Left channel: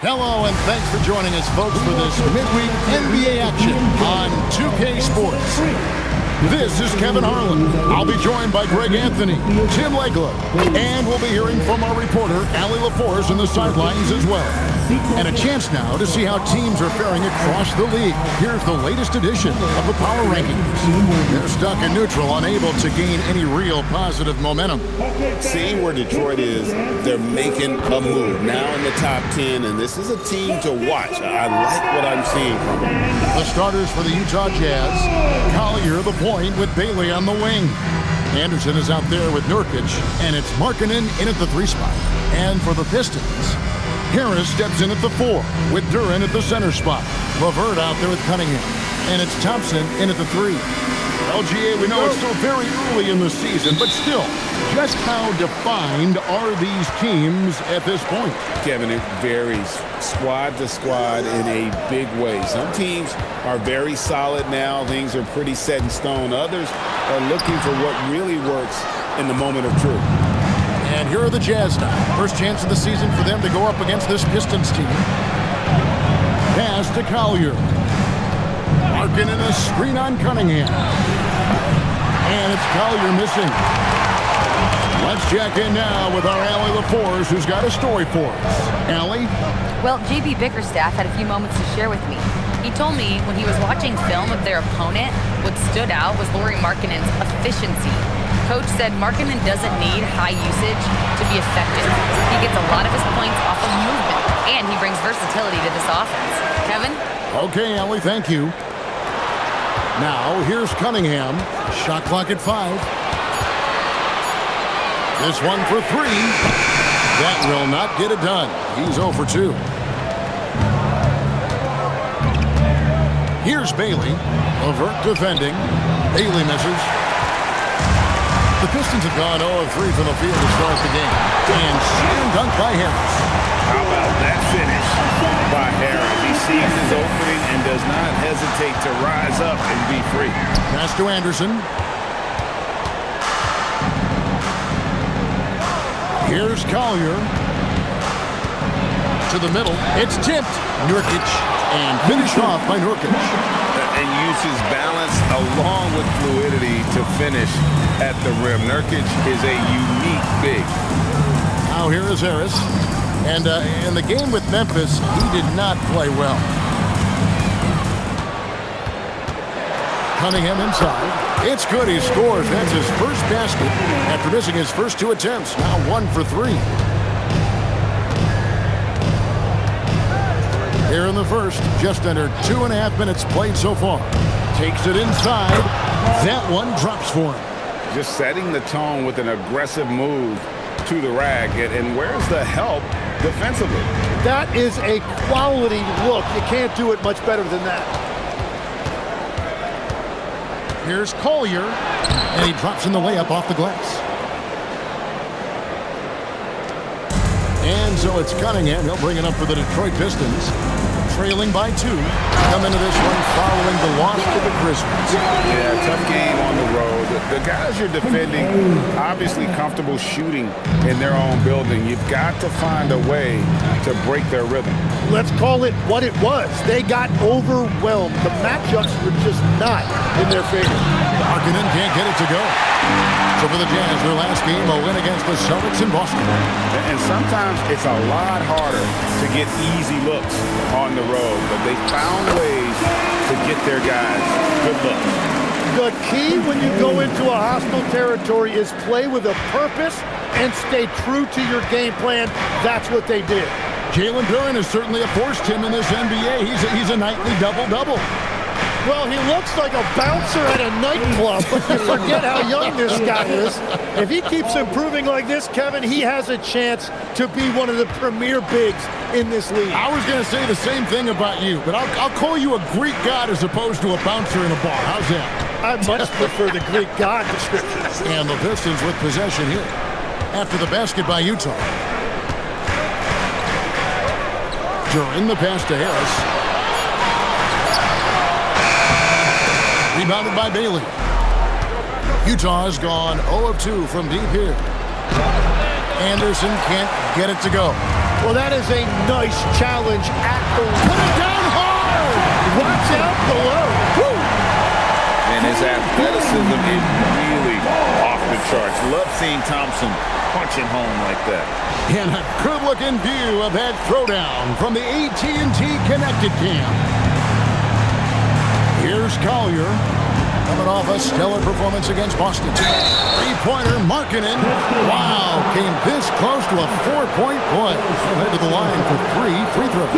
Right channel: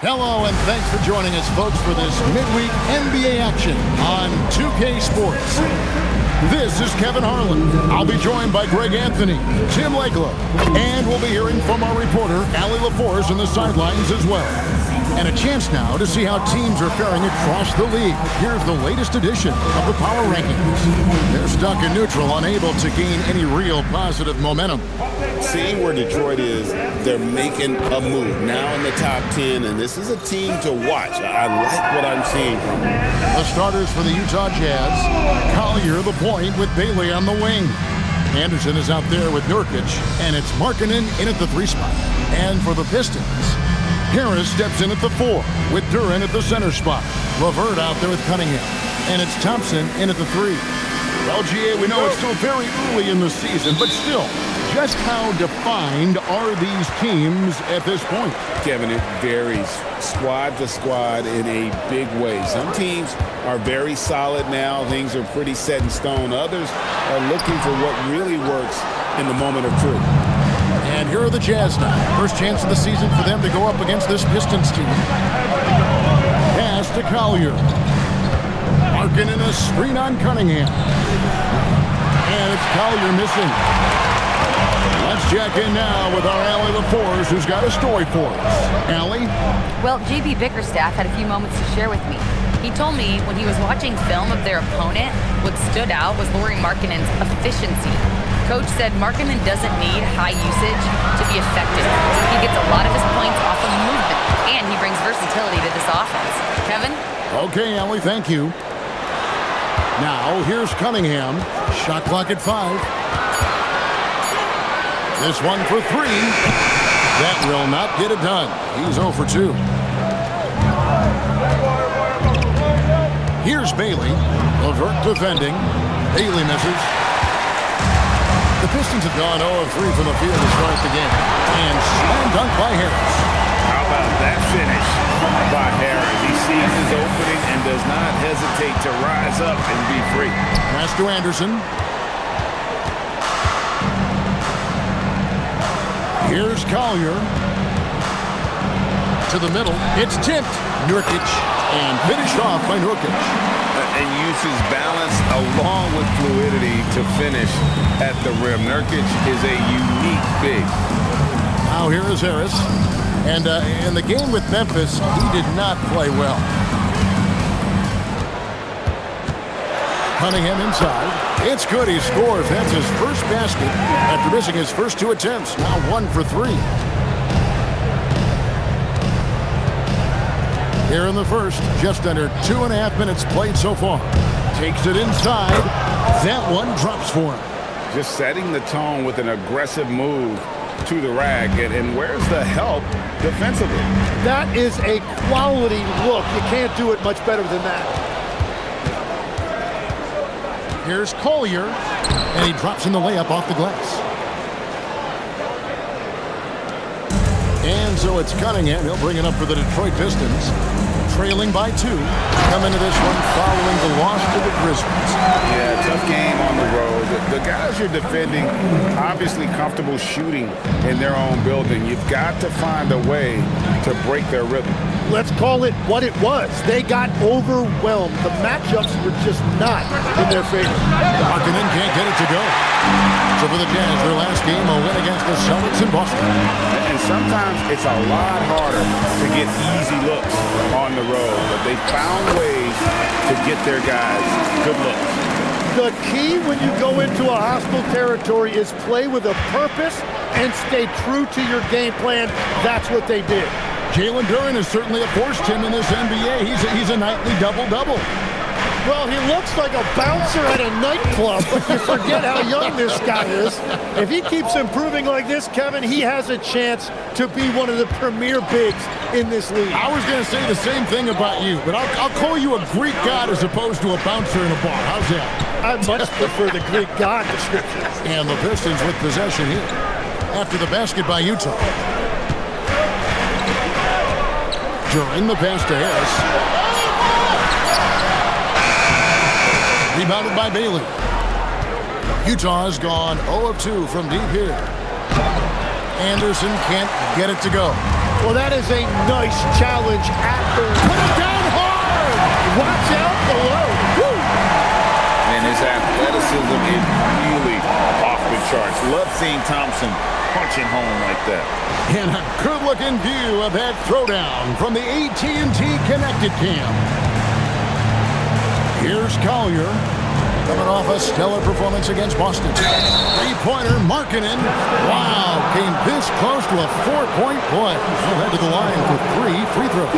Hello, and thanks for joining us, folks, for this midweek NBA action on 2K Sports. This is Kevin Harlan. I'll be joined by Greg Anthony, Tim Legler, and we'll be hearing from our reporter, Allie LaForce, on the sidelines as well. And a chance now to see how teams are faring across the league. Here's the latest edition of the Power Rankings. They're stuck in neutral, unable to gain any real positive momentum. Seeing where Detroit is, they're making a move now in the top 10, and this is a team to watch. I like what I'm seeing from them. The starters for the Utah Jazz, Collier the point with Bailey on the wing. Anderson is out there with Nurkic, and it's Markkanen in at the 3 spot. And for the Pistons, Harris steps in at the 4 with Duren at the center spot. LeVert out there with Cunningham, and it's Thompson in at the 3. Well, GA, we know it's still very early in the season, but still, just how defined are these teams at this point? Kevin, it varies squad to squad in a big way. Some teams are very solid now. Things are pretty set in stone. Others are looking for what really works in the moment of truth. And here are the Jazz now. First chance of the season for them to go up against this Pistons team. Pass to Collier. Markkanen a screen on Cunningham. And it's Collier missing. Let's check in now with our Allie LaForce, who's got a story for us. Allie? Well, JB Bickerstaff had a few moments to share with me. He told me when he was watching film of their opponent, what stood out was Lauri Markkanen's efficiency. Coach said Markkanen doesn't need high usage to be effective. He gets a lot of his points off of movement, and he brings versatility to this offense. Kevin? Okay, Allie, thank you. Now, here's Cunningham. Shot clock at 5. This one for 3. That will not get it done. He's 0 for 2. Here's Bailey. LeVert defending. Bailey misses. The Pistons have gone 0 of 3 from the field to start the game. And slam dunk by Harris. How about that finish by Harris? He sees his opening and does not hesitate to rise up and be free. Pass to Anderson. Here's Collier. To the middle. It's tipped. Nurkic. And finished off by Nurkic. And uses balance along with fluidity to finish at the rim. Nurkic is a unique big. Now here is Harris. And in the game with Memphis, he did not play well. Cunningham inside. It's good. He scores. That's his first basket after missing his first 2 attempts. Now 1 for 3. Here in the first, just under 2.5 minutes played so far. Takes it inside. That one drops for him. Just setting the tone with an aggressive move to the rack. And where's the help defensively? That is a quality look. You can't do it much better than that. Here's Collier, and he drops in the layup off the glass. And so it's Cunningham. He'll bring it up for the Detroit Pistons. Trailing by 2. Come into this one following the loss to the Grizzlies. Yeah, tough game on the road. The guys you're defending, obviously comfortable shooting in their own building. You've got to find a way to break their rhythm. Let's call it what it was. They got overwhelmed. The matchups were just not in their favor. Markkanen can't get it to go. So for the Jazz, their last game, a win against the Celtics in Boston. And sometimes it's a lot harder to get easy looks on the road, but they found ways to get their guys good looks. The key when you go into a hostile territory is play with a purpose and stay true to your game plan. That's what they did. Jalen Duren is certainly a force, Tim, in this NBA. He's a nightly double-double. Well, he looks like a bouncer at a nightclub, but you forget how young this guy is. If he keeps improving like this, Kevin, he has a chance to be one of the premier bigs in this league. I was going to say the same thing about you, but I'll call you a Greek god as opposed to a bouncer in a bar. How's that? I much prefer the Greek god description. And the Pistons with possession here after the basket by Utah. Duren the pass to Harris. Rebounded by Bailey. Utah has gone 0 of 2 from deep here. Anderson can't get it to go. Well, that is a nice challenge at the rim. Put it down hard! Watch out below. Woo! And his athleticism is really off the charts. Love seeing Thompson punching home like that. And a good-looking view of that throwdown from the AT&T Connected Cam. Here's Collier, coming off a stellar performance against Boston. Three-pointer, Markkanen. Wow, came this close to a 4-point play. He'll head to the line for 3 free throws.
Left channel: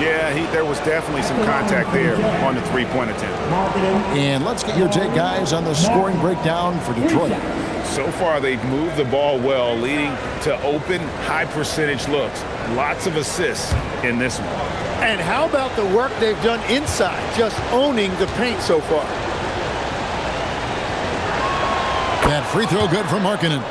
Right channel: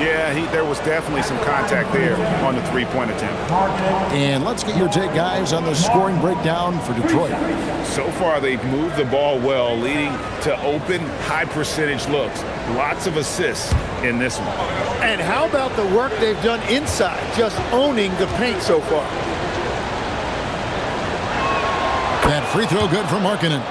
Yeah, there was definitely some contact there on the three-point attempt. And let's get your take, guys, on the scoring breakdown for Detroit. So far, they've moved the ball well, leading to open, high-percentage looks. Lots of assists in this one. And how about the work they've done inside, just owning the paint so far? That free throw good from Markkanen.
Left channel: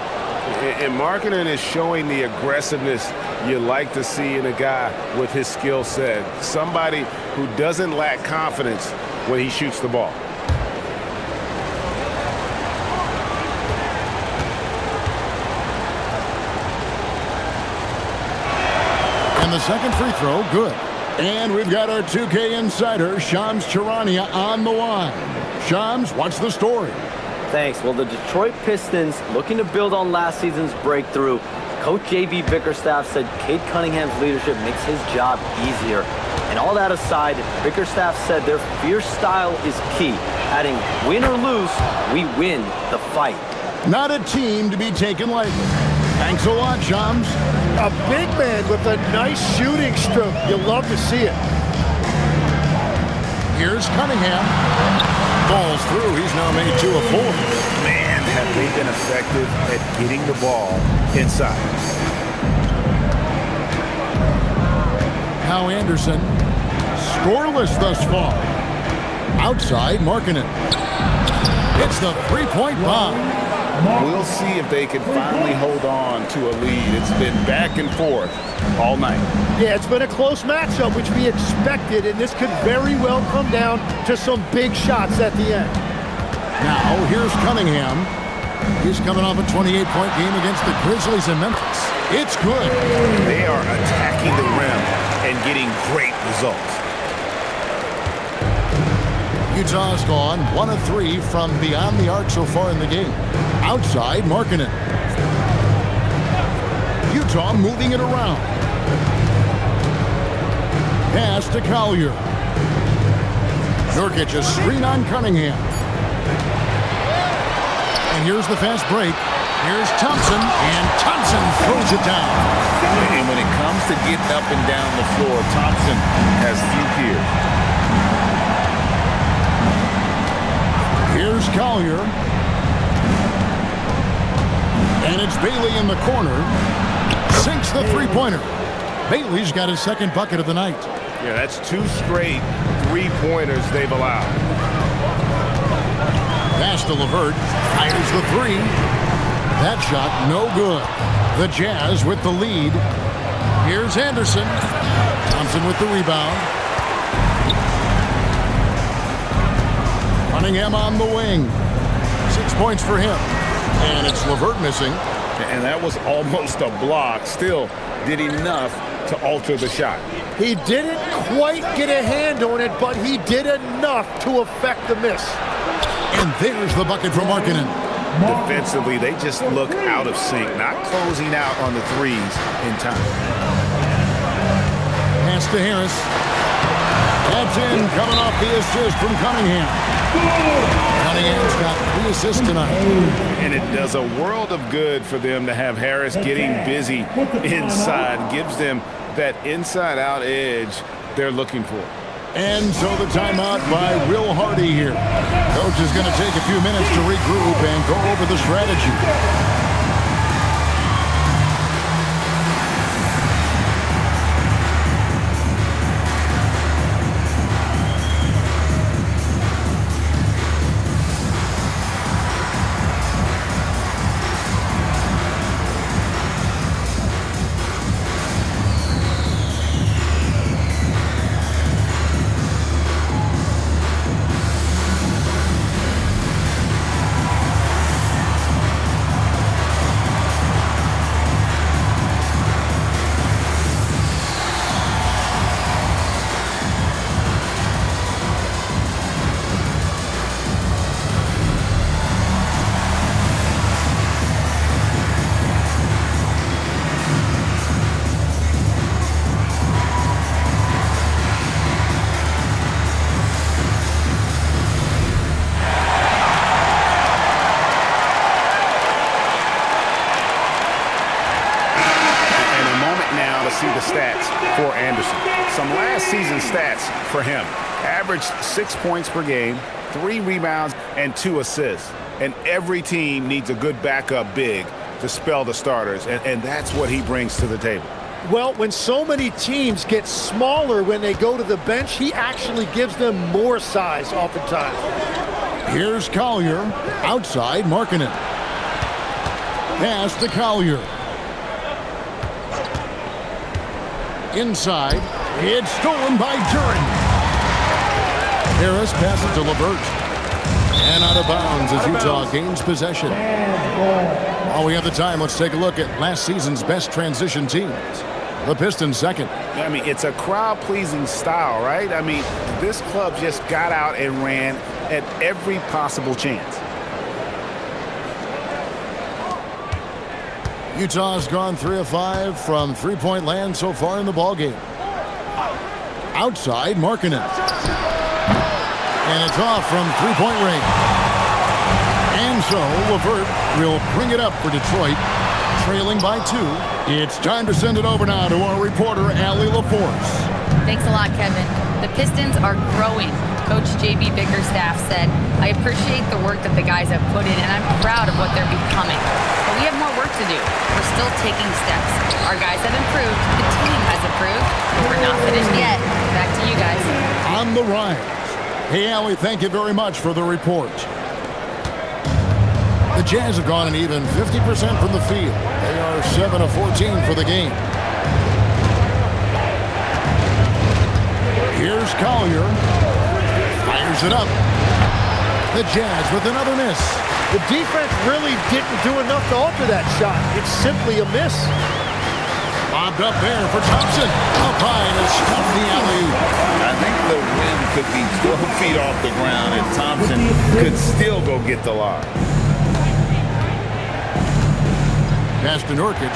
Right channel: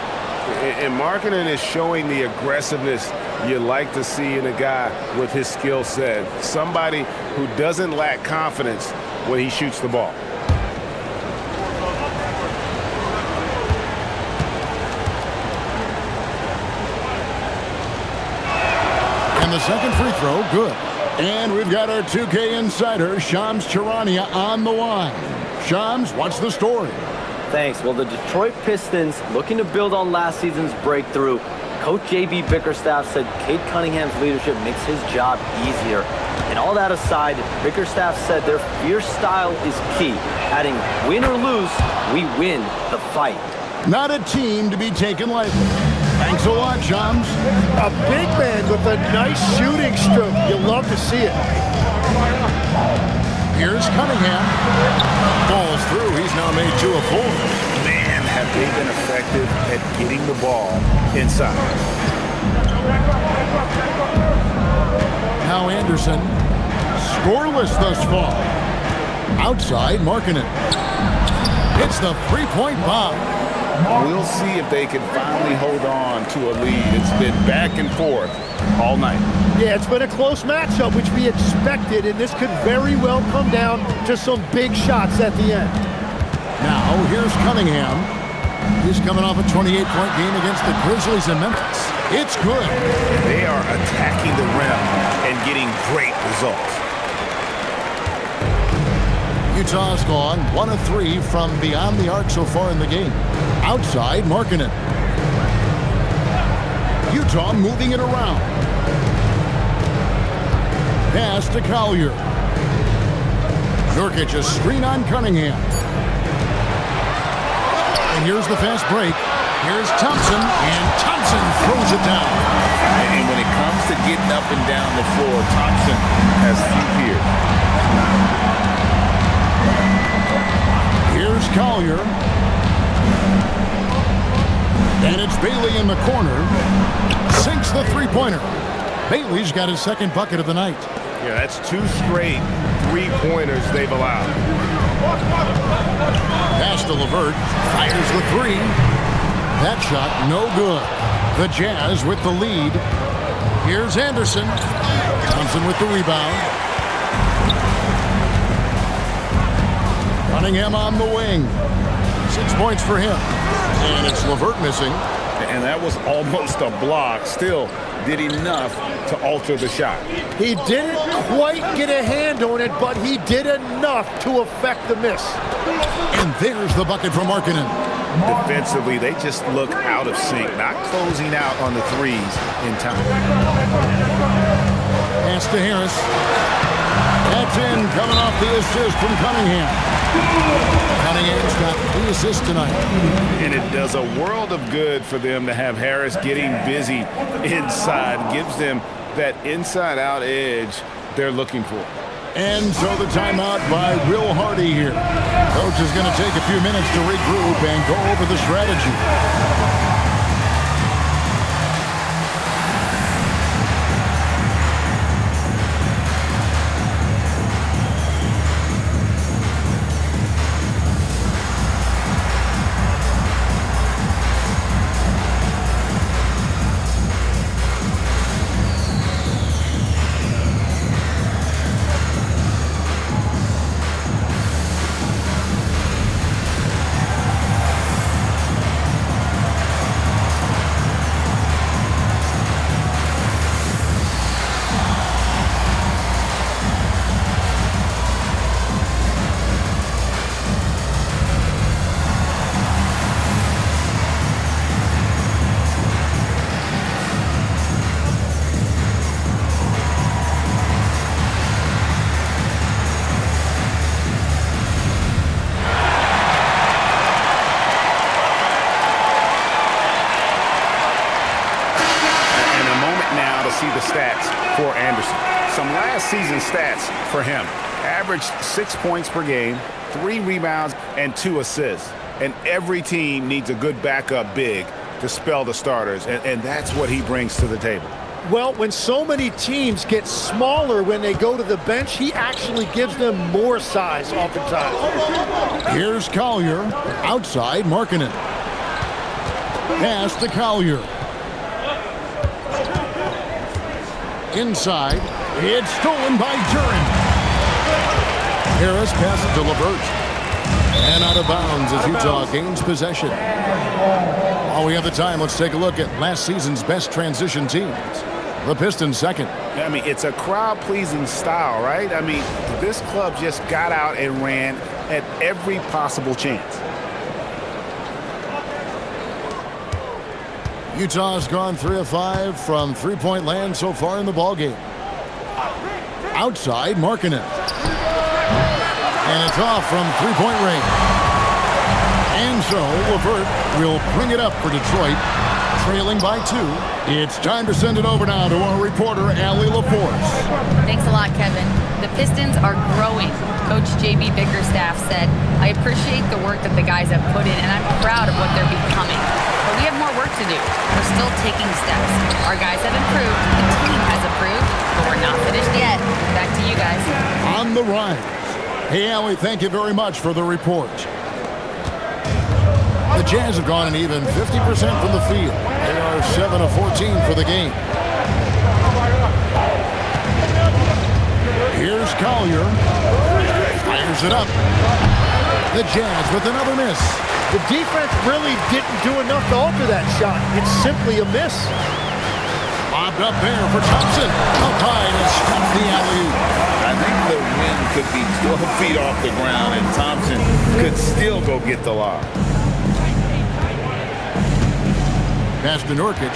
And Markkanen is showing the aggressiveness you like to see in a guy with his skill set. Somebody who doesn't lack confidence when he shoots the ball. And the second free throw, good. And we've got our 2K insider, Shams Charania, on the line. Shams, what's the story? Thanks. Well, the Detroit Pistons, looking to build on last season's breakthrough, Coach J.B. Bickerstaff said Cade Cunningham's leadership makes his job easier. And all that aside, Bickerstaff said their fierce style is key, adding, win or lose, we win the fight. Not a team to be taken lightly. Thanks a lot, Shams. A big man with a nice shooting stroke. You love to see it. Here's Cunningham. Falls through. He's now made 2 of 4. Man, have they been effective at getting the ball inside. Now Anderson, scoreless thus far. Outside, Markkanen. It's the three-point bomb. We'll see if they can finally hold on to a lead. It's been back and forth all night. Yeah, it's been a close matchup, which we expected, and this could very well come down to some big shots at the end. Now, here's Cunningham. He's coming off a 28-point game against the Grizzlies in Memphis. It's good. They are attacking the rim and getting great results. Utah's gone 1 of 3 from beyond the arc so far in the game. Outside, Markkanen. Utah moving it around. Pass to Collier. Nurkic a screen on Cunningham. And here's the fast break. Here's Thompson, and Thompson throws it down. And when it comes to getting up and down the floor, Thompson has few peers. Here's Collier. And it's Bailey in the corner. Sinks the three-pointer. Bailey's got his second bucket of the night. Yeah, that's 2 straight three-pointers they've allowed. Pass to LeVert. Fires the 3. That shot no good. The Jazz with the lead. Here's Anderson. Thompson with the rebound. Cunningham on the wing. 6 points for him. And it's LeVert missing. And that was almost a block. Still did enough to alter the shot. He didn't quite get a hand on it, but he did enough to affect the miss. And there's the bucket from Markkanen. Defensively, they just look out of sync, not closing out on the threes in time. Pass to Harris. That's in, coming off the assist from Cunningham. Cunningham's got 3 assists tonight. And it does a world of good for them to have Harris getting busy inside. Gives them that inside-out edge they're looking for. And so the timeout by Will Hardy here. Coach is going to take a few minutes to regroup and go over the strategy. And a moment now to see the stats for Anderson. Some last season stats for him. Averaged 6 points per game, 3 rebounds, and 2 assists. And every team needs a good backup big to spell the starters, and that's what he brings to the table. Well, when so many teams get smaller when they go to the bench, he actually gives them more size oftentimes. Here's Collier, outside Markkanen. Pass to Collier. Inside, it's stolen by Duren. Harris passes to LeVert. And out of bounds as Utah gains possession. While we have the time, let's take a look at last season's best transition teams. The Pistons second. I mean, it's a crowd-pleasing style, right? I mean, this club just got out and ran at every possible chance. Utah's gone 3 of 5 from three-point land so far in the ballgame. Outside, Markkanen. And it's off from three-point range. And so LeVert will bring it up for Detroit, trailing by 2. It's time to send it over now to our reporter, Allie LaForce. Thanks a lot, Kevin. The Pistons are growing. Coach JB Bickerstaff said, I appreciate the work that the guys have put in, and I'm proud of what they're becoming. But we have more work to do. We're still taking steps. Our guys have improved. The team has improved, but we're not finished yet. Back to you guys. On the rise. Hey, Allie, thank you very much for the report. The Jazz have gone an even 50% from the field. They are 7 of 14 for the game. Here's Collier. Fires it up. The Jazz with another miss. The defense really didn't do enough to alter that shot. It's simply a miss. Lobbed up there for Thompson. Up high to stuff the alley. I think the wind could be 12 feet off the ground, and Thompson could still go get the lob. Pass to Nurkic.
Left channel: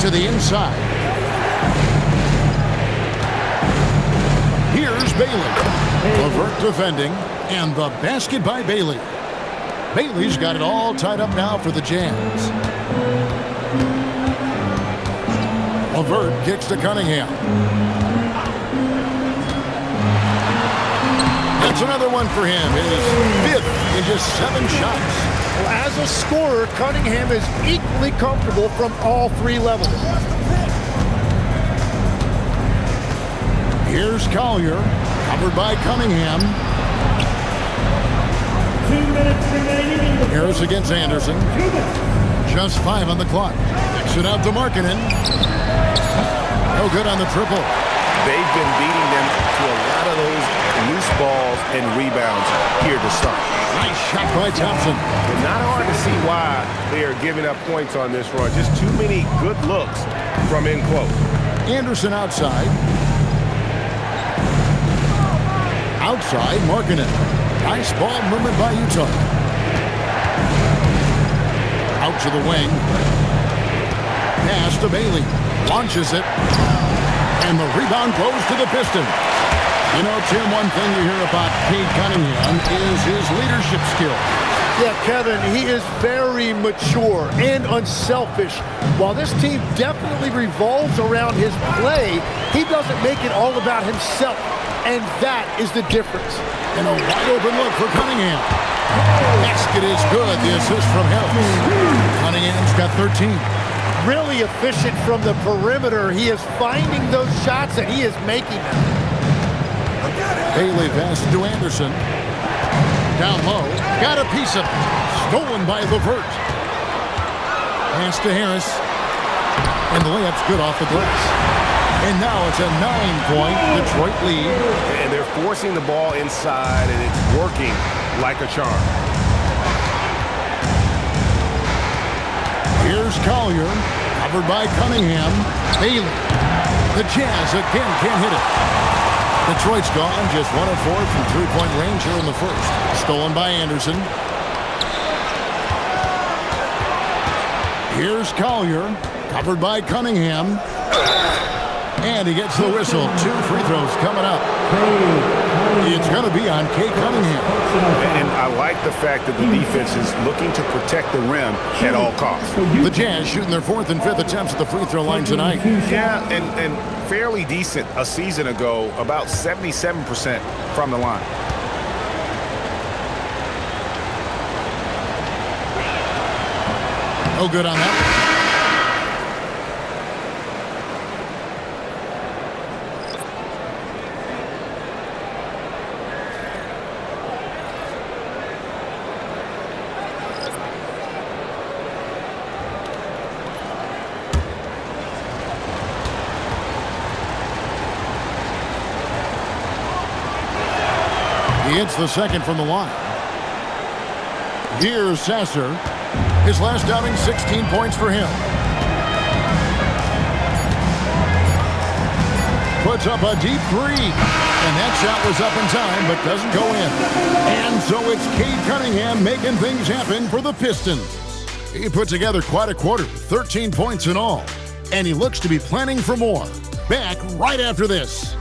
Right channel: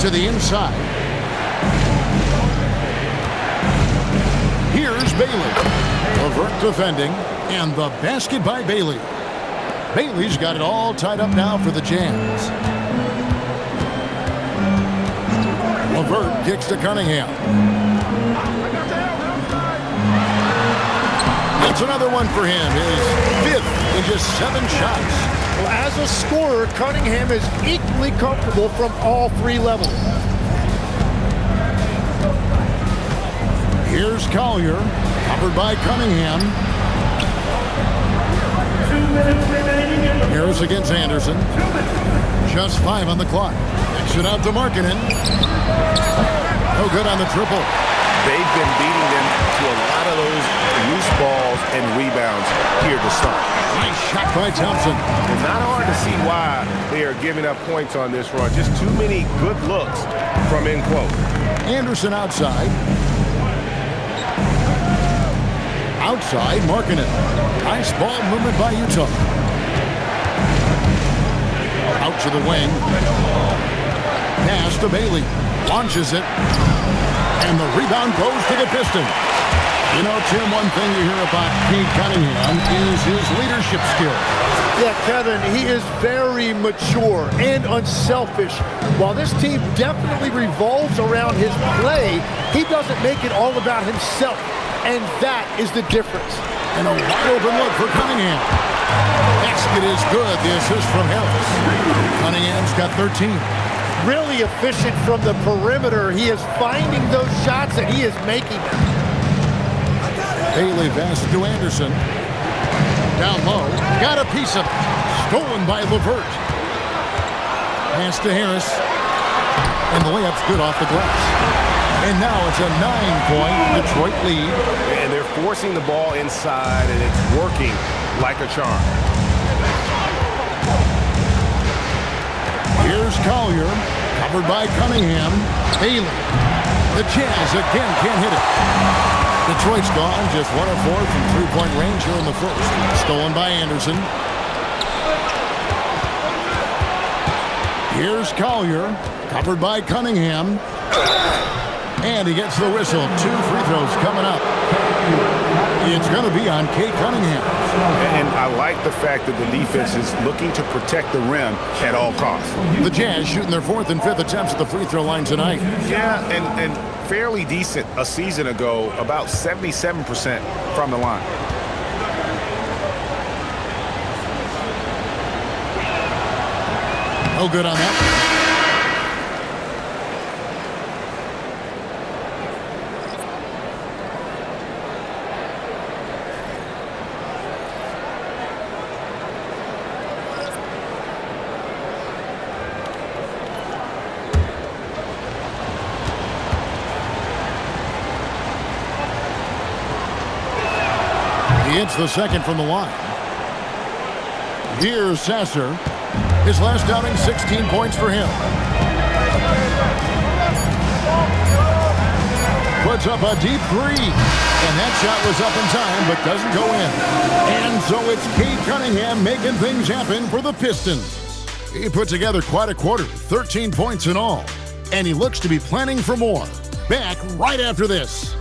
To the inside. Here's Bailey. LeVert defending, and the basket by Bailey. Bailey's got it all tied up now for the Jazz. LeVert kicks to Cunningham. That's another one for him. His 5th in just 7 shots. Well, as a scorer, Cunningham is equally comfortable from all 3 levels. Here's Collier, covered by Cunningham. 2 minutes remaining. Harris against Anderson. Just 5 on the clock. Kicks it out to Markkanen. No good on the triple. They've been beating them to a lot of those loose balls and rebounds here to start. Nice shot by Thompson. It's not hard to see why they are giving up points on this run. Just too many good looks from in quote. Anderson outside. Outside, Markkanen. Nice ball movement by Utah. Out to the wing. Pass to Bailey. Launches it. And the rebound goes to the Pistons. You know, Tim, one thing you hear about Cade Cunningham is his leadership skills. Yeah, Kevin, he is very mature and unselfish. While this team definitely revolves around his play, he doesn't make it all about himself. And that is the difference. And a wide open look for Cunningham. Basket is good. The assist from Harris. Cunningham's got 13. Really efficient from the perimeter. He is finding those shots and he is making them. Bailey passes to Anderson. Down low. Got a piece of it. Stolen by LeVert. Pass to Harris. And the layup's good off the glass. And now it's a 9-point Detroit lead. And they're forcing the ball inside, and it's working like a charm. Here's Collier, covered by Cunningham. Bailey. The Jazz again can't hit it. Detroit's gone just 1 of 4 from three-point range here in the first. Stolen by Anderson. Here's Collier, covered by Cunningham. And he gets the whistle. 2 free throws coming up. It's going to be on Kate Cunningham. And I like the fact that the defense is looking to protect the rim at all costs. The Jazz shooting their 4th and 5th attempts at the free throw line tonight. Yeah, and fairly decent a season ago, about 77% from the line. No good on that one. He hits the second from the line. Here's Sasser. His last outing, 16 points for him. Puts up a deep three. And that shot was up in time, but doesn't go in. And so it's Cade Cunningham making things happen for the Pistons. He put together quite a quarter, 13 points in all. And he looks to be planning for more. Back right after this.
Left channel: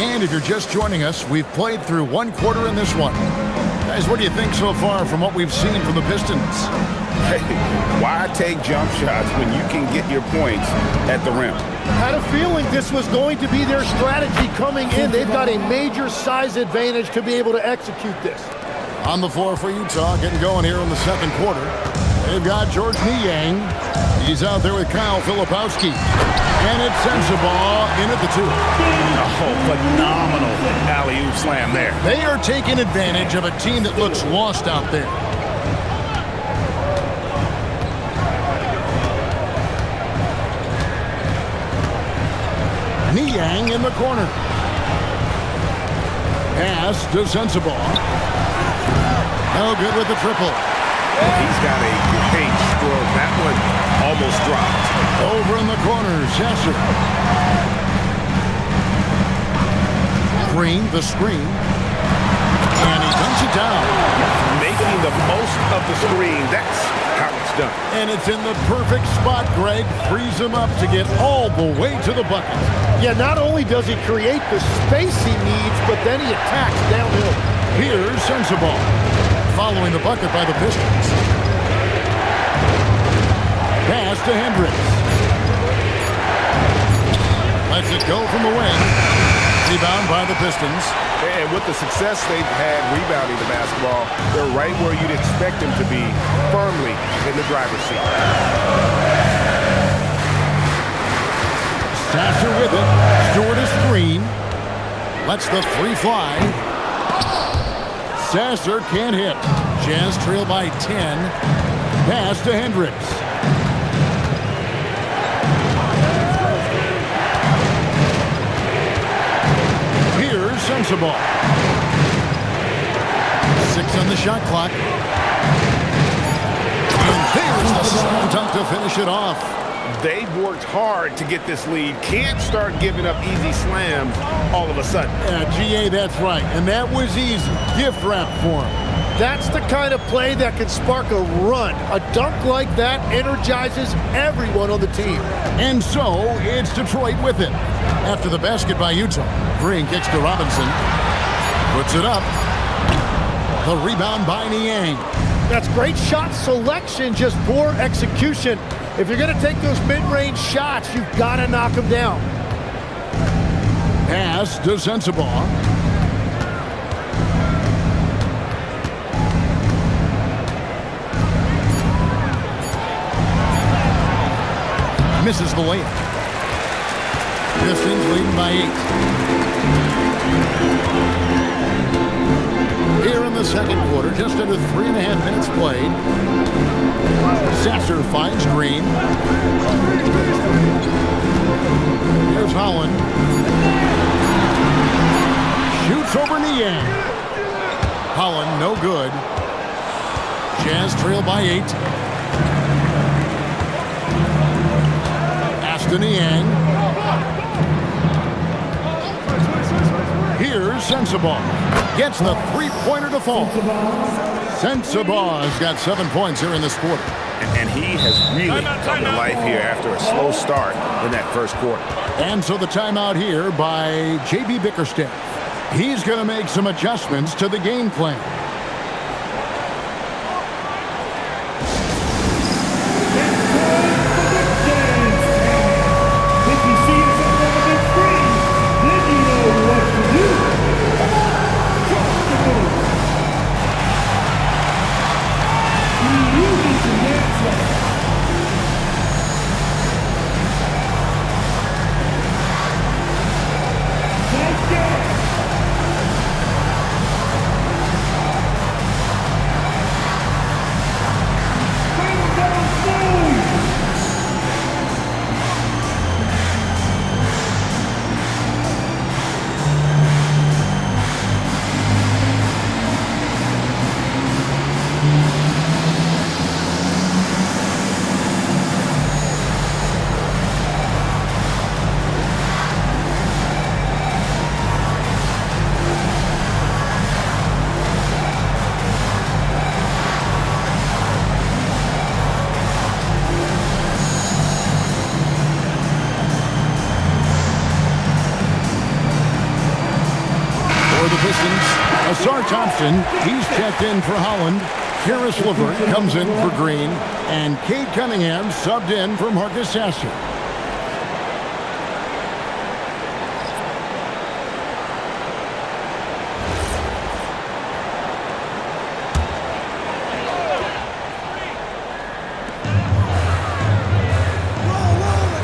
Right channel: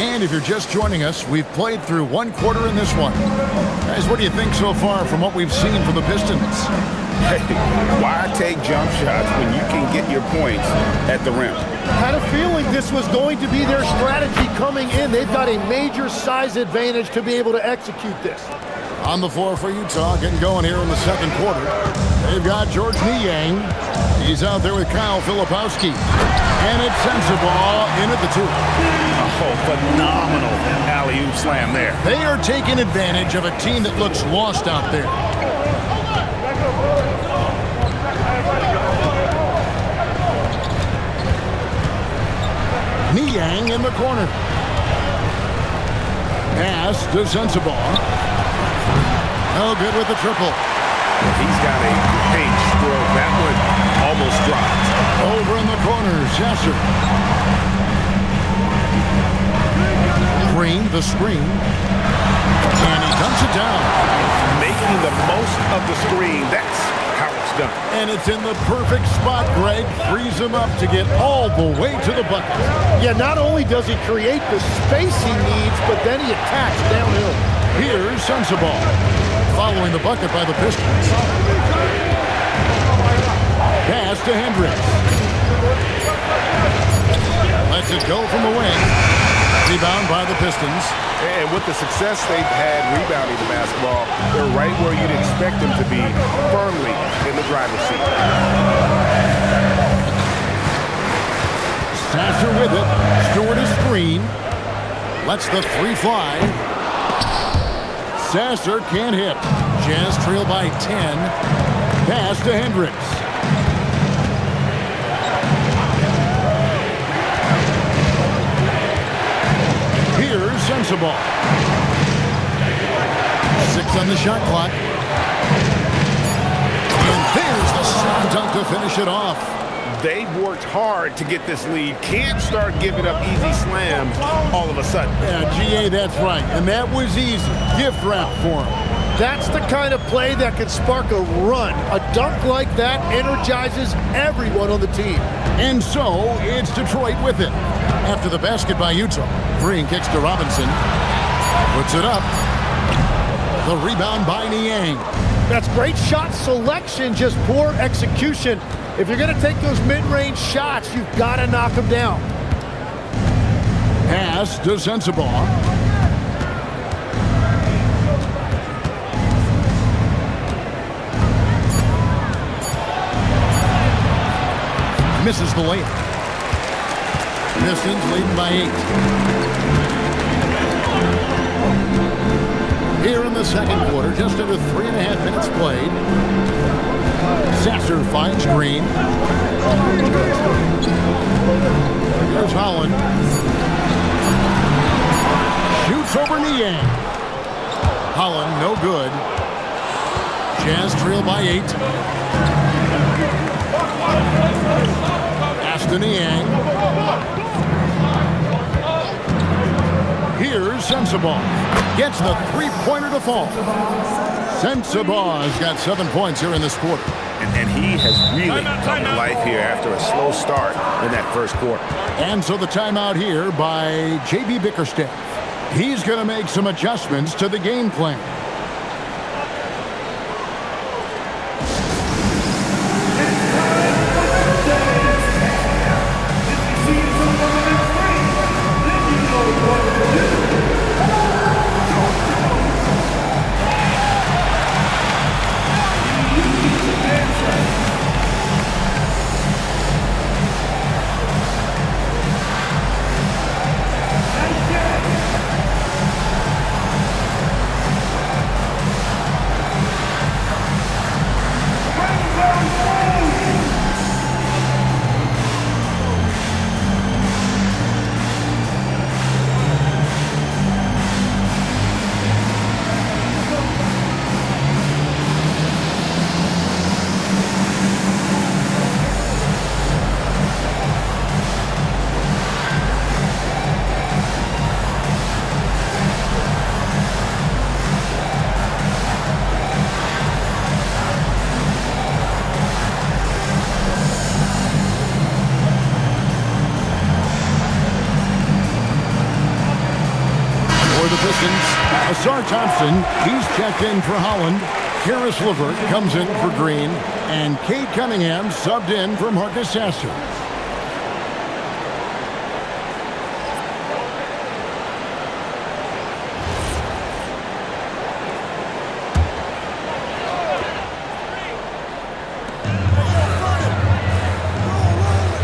And if you're just joining us, we've played through one quarter in this one. Guys, what do you think so far from what we've seen from the Pistons? Hey, why take jump shots when you can get your points at the rim? Had a feeling this was going to be their strategy coming in. They've got a major size advantage to be able to execute this. On the floor for Utah, getting going here in the second quarter. They've got George Niang. He's out there with Kyle Filipowski. And it's Sensabaugh in at the 2. Oh, phenomenal alley-oop slam there. They are taking advantage of a team that looks lost out there. Niang in the corner. Pass to Sensabaugh. No good with the triple. Well, he's got a great stroke. That one almost dropped. Over in the corner, Sasser. Green, the screen. And he dumps it down. Making the most of the screen. That's how it's done. And it's in the perfect spot, Greg. Frees him up to get all the way to the bucket. Yeah, not only does he create the space he needs, but then he attacks downhill. Here's Sensabaugh, following the bucket by the Pistons. Pass to Hendricks. Lets it go from the wing. Rebound by the Pistons. And with the success they've had rebounding the basketball, they're right where you'd expect them to be, firmly in the driver's seat. Sasser with it. Stewart a screen. Lets the 3 fly. Sasser can't hit. Jazz trail by 10. Pass to Hendricks. Here's Sensabaugh. 6 on the shot clock. And there's the slam dunk to finish it off. They've worked hard to get this lead. Can't start giving up easy slams all of a sudden. Yeah, GA, that's right. And that was easy. Gift wrap for him. That's the kind of play that can spark a run. A dunk like that energizes everyone on the team. And so, it's Detroit with it. After the basket by Utah, Green kicks to Robinson. Puts it up. The rebound by Niang. That's great shot selection, just poor execution. If you're going to take those mid-range shots, you've got to knock them down. Pass to Sensabaugh. Misses the layup. Pistons leading by 8. Here in the second quarter, just under 3.5 minutes played. Sasser finds Green. Here's Holland. Shoots over Niang. Holland, no good. Jazz trail by 8. to Niang. Here's Sensabaugh. Gets the three-pointer to fall. Sensabaugh's got 7 points here in this quarter. And he has really come to life here after a slow start in that first quarter. And so the timeout here by J.B. Bickerstaff. He's going to make some adjustments to the game plan. If you see something on the big screen, then you know what to do. You need to answer. Nice game. Bring down food. For the Pistons, Asar Thompson, he's checked in for Holland. Karis LeVert comes in for Green. And Cade Cunningham subbed in for Marcus Sasser.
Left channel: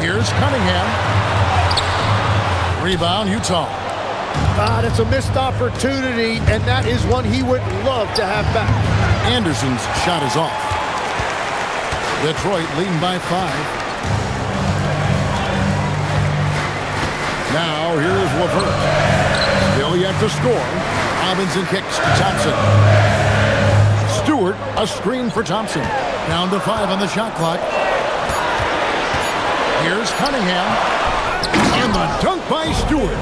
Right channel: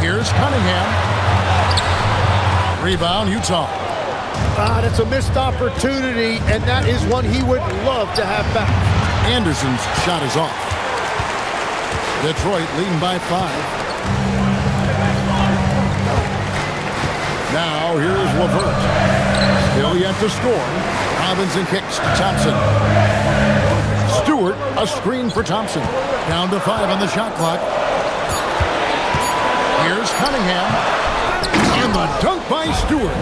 Here's Cunningham. Rebound, Utah. That's a missed opportunity, and that is one he would love to have back. Anderson's shot is off. Detroit leading by 5. Now here's LeVert. Still yet to score. Robinson kicks to Thompson. Stewart, a screen for Thompson. Down to 5 on the shot clock. Here's Cunningham. And the dunk by Stewart.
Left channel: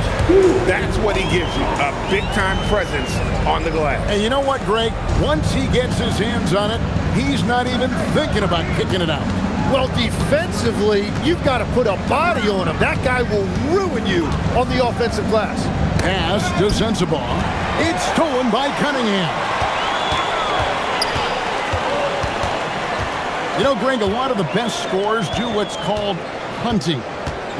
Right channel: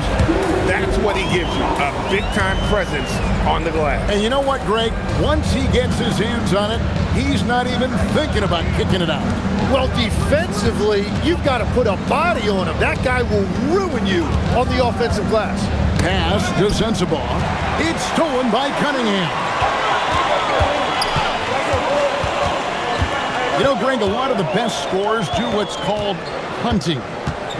That's what he gives you, a big-time presence on the glass. And you know what, Greg? Once he gets his hands on it, he's not even thinking about kicking it out. Well, defensively, you've got to put a body on him. That guy will ruin you on the offensive glass. Pass to Sensabaugh. It's stolen by Cunningham. You know, Greg, a lot of the best scorers do what's called hunting,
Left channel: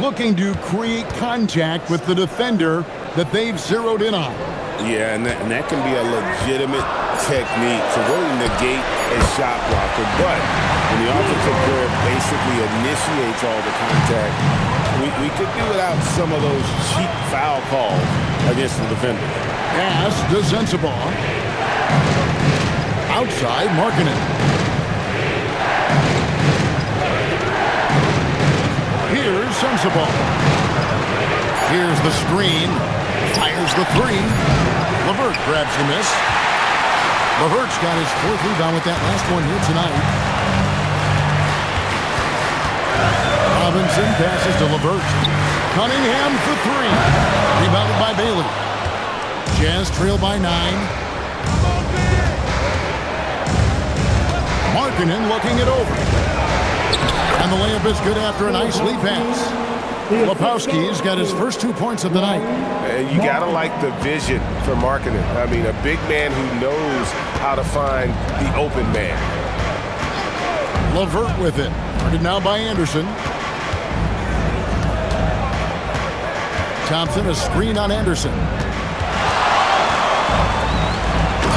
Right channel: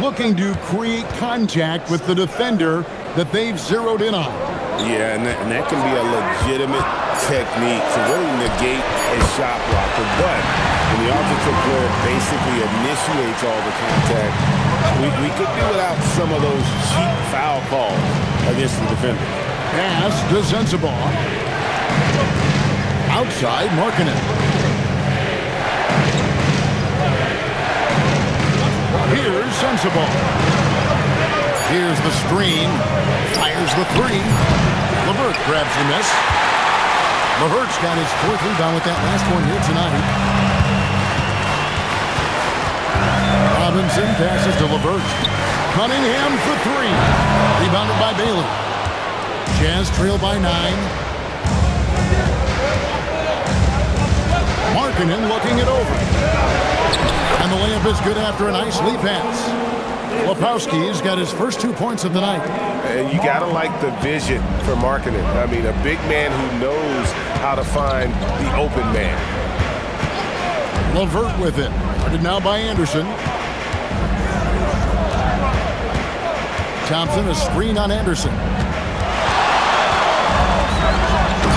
looking to create contact with the defender that they've zeroed in on. Yeah, and that can be a legitimate technique to really negate a shot blocker. But when the offensive player basically initiates all the contact, we could do without some of those cheap foul calls against the defender. Pass to Sensabaugh. Outside, Markkanen. Here's Sensabaugh. Here's the screen. Fires the 3. LeVert grabs the miss. LeVert's got his 4th rebound with that last one here tonight. Robinson passes to LeVert. Cunningham for 3. Rebounded by Bailey. Jazz trail by 9. Markkanen looking it over. And the layup is good after a nice lead pass. Lepowski's got his first 2 points of the night. And you got to like the vision for Markkanen. I mean, a big man who knows how to find the open man. LeVert with it. Guarded now by Anderson. Thompson, a screen on Anderson.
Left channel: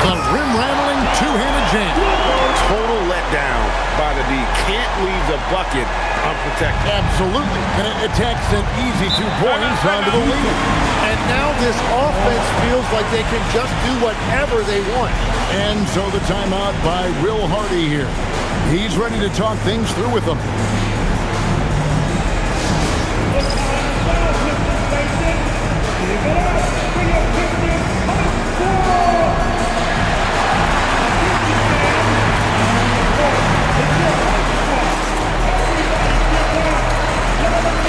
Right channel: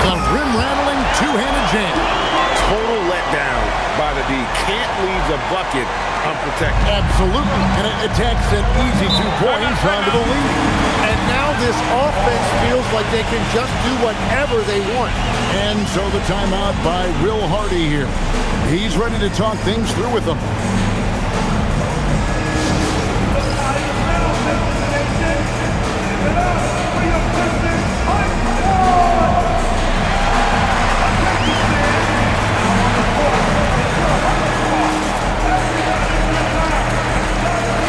The rim-rattling two-handed jam. Total letdown by the D. Can't leave the bucket unprotected. Absolutely. And it attacks an easy 2 points onto the lead. And now this offense feels like they can just do whatever they want. And so the timeout by Will Hardy here. He's ready to talk things through with them. Give it up for your Pistons High Squad! Pistons fans, it's your High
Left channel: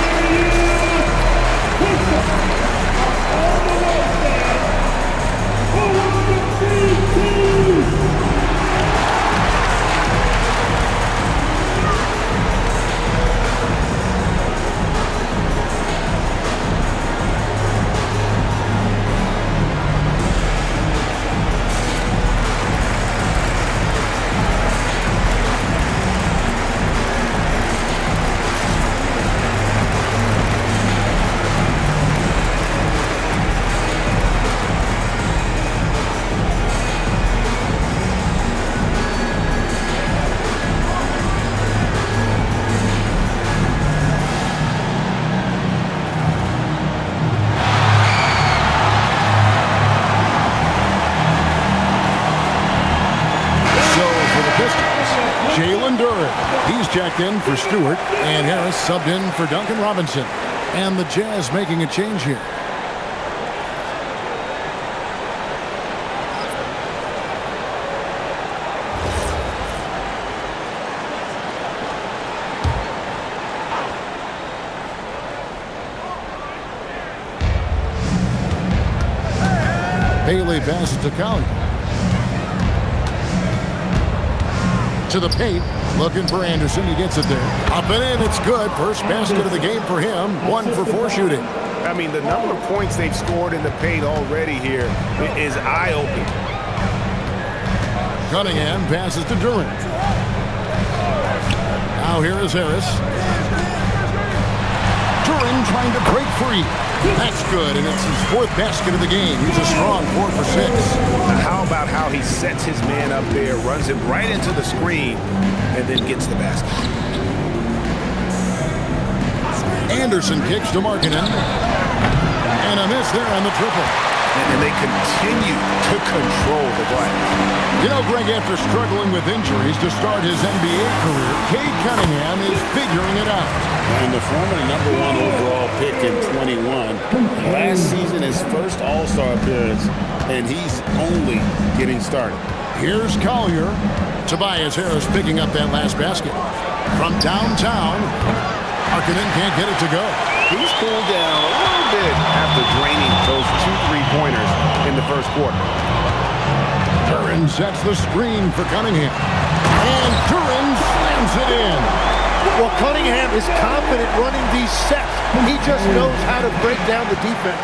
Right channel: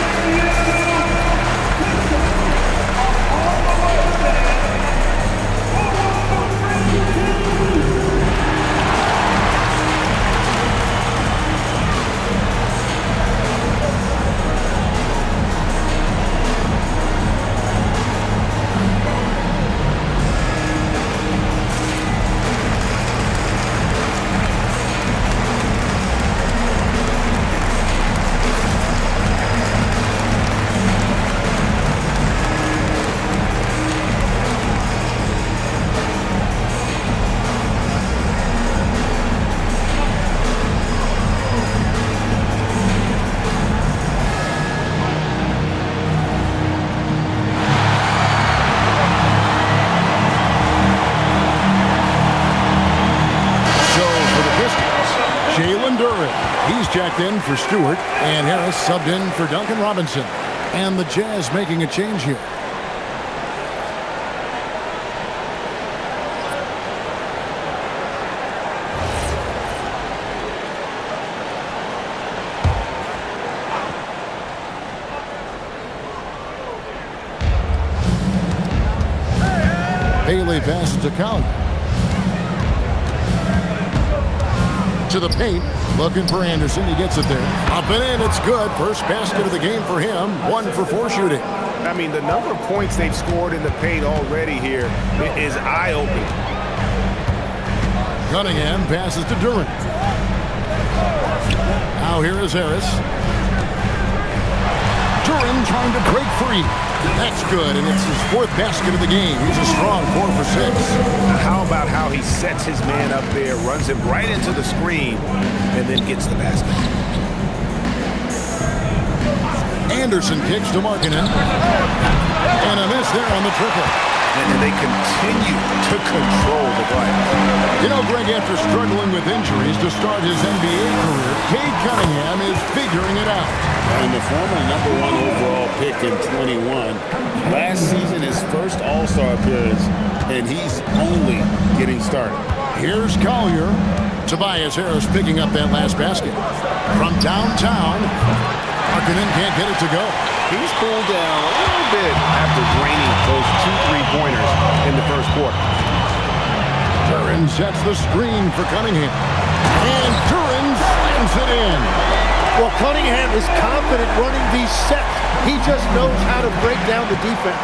Squad. Pistons, Jalen Duren. He's checked in for Stewart, and Harris subbed in for Duncan Robinson. And the Jazz making a change here. Bailey passes to Collier. To the paint, looking for Anderson. He gets it there. Up and in, it's good. First basket of the game for him. 1 for 4 shooting. I mean, the number of points they've scored in the paint already here is eye-opening. Cunningham passes to Duren. Now here is Harris. Duren trying to break free. That's good, and it's his 4th basket of the game. He's a strong 4 for 6. How about how he sets his man up there, runs him right into the screen, and then gets the basket. Anderson kicks to Markkanen. And a miss there on the triple. And they continue to control the glass. You know, Greg, after struggling with injuries to start his NBA career, Cade Cunningham is figuring it out. And the former #1 overall pick in 21. Last season, his first All-Star appearance, and he's only getting started. Here's Collier. Tobias Harris picking up that last basket. From downtown, Markkanen can't get it to go. He's cooled down a little bit after draining those 2 3-pointers in the first quarter. Duren sets the screen for Cunningham. And Duren slams it in. Well, Cunningham is confident running these sets. He just knows how to break down the defense.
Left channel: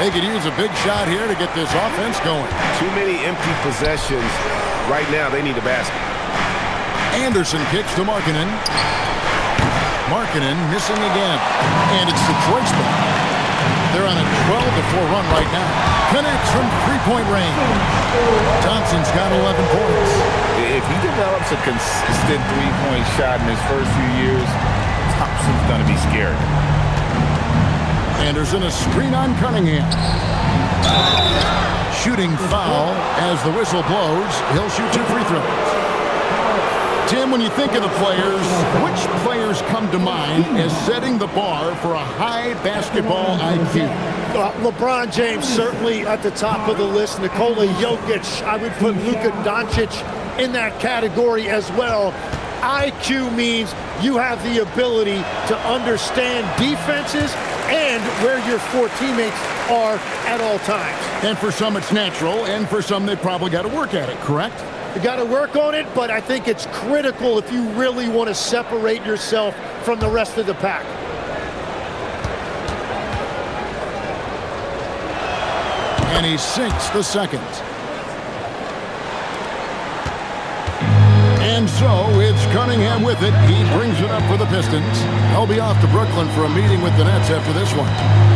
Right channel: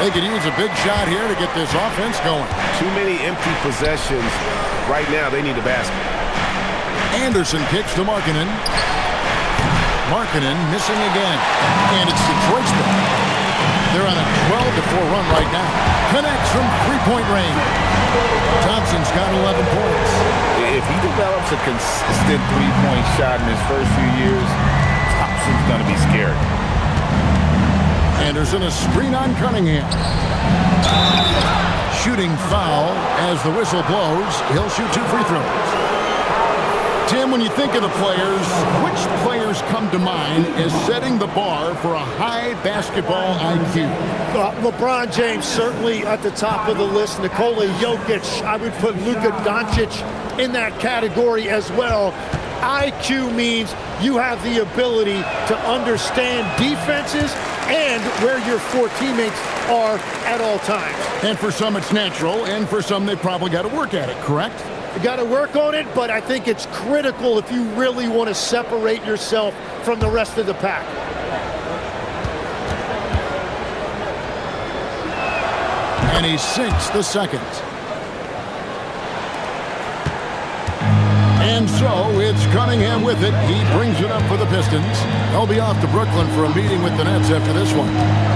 They could use a big shot here to get this offense going. Too many empty possessions. Right now, they need a basket. Anderson kicks to Markkanen. Markkanen missing again. And it's Detroit's ball. They're on a 12-4 run right now. Connects from 3-point range. Thompson's got 11 points. If he develops a consistent 3-point shot in his first few years, Thompson's going to be scared. Anderson, a screen on Cunningham. Shooting foul as the whistle blows. He'll shoot 2 free throws. Tim, when you think of the players, which players come to mind as setting the bar for a high basketball IQ? LeBron James certainly at the top of the list. Nikola Jokic, I would put Luka Doncic in that category as well. IQ means you have the ability to understand defenses and where your 4 teammates are at all times. And for some it's natural, and for some they probably got to work at it, correct? You got to work on it, but I think it's critical if you really want to separate yourself from the rest of the pack. And he sinks the second. And so it's Cunningham with it. He brings it up for the Pistons. They'll be off to Brooklyn for a meeting with the Nets after this one.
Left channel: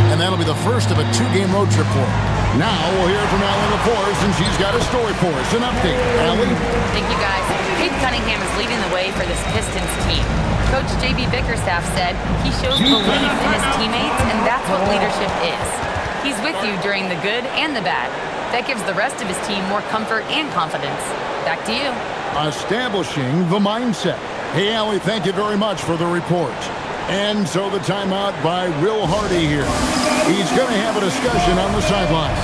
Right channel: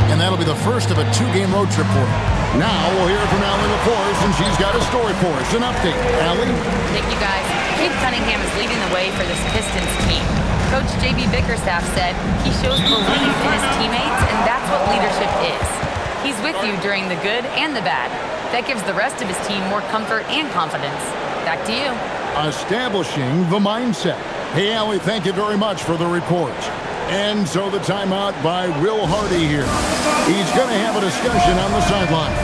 And that'll be the first of a 2-game road trip for him. Now we'll hear from Allie LaForce, and she's got a story for us. An update. Allie? Thank you, guys. Cade Cunningham is leading the way for this Pistons team. Coach J.B. Bickerstaff said he shows belief in his teammates, and that's what leadership is. He's with you during the good and the bad. That gives the rest of his team more comfort and confidence. Back to you. Establishing the mindset. Hey, Allie, thank you very much for the report. And so the timeout by Will Hardy here. He's going to have a discussion on the sideline.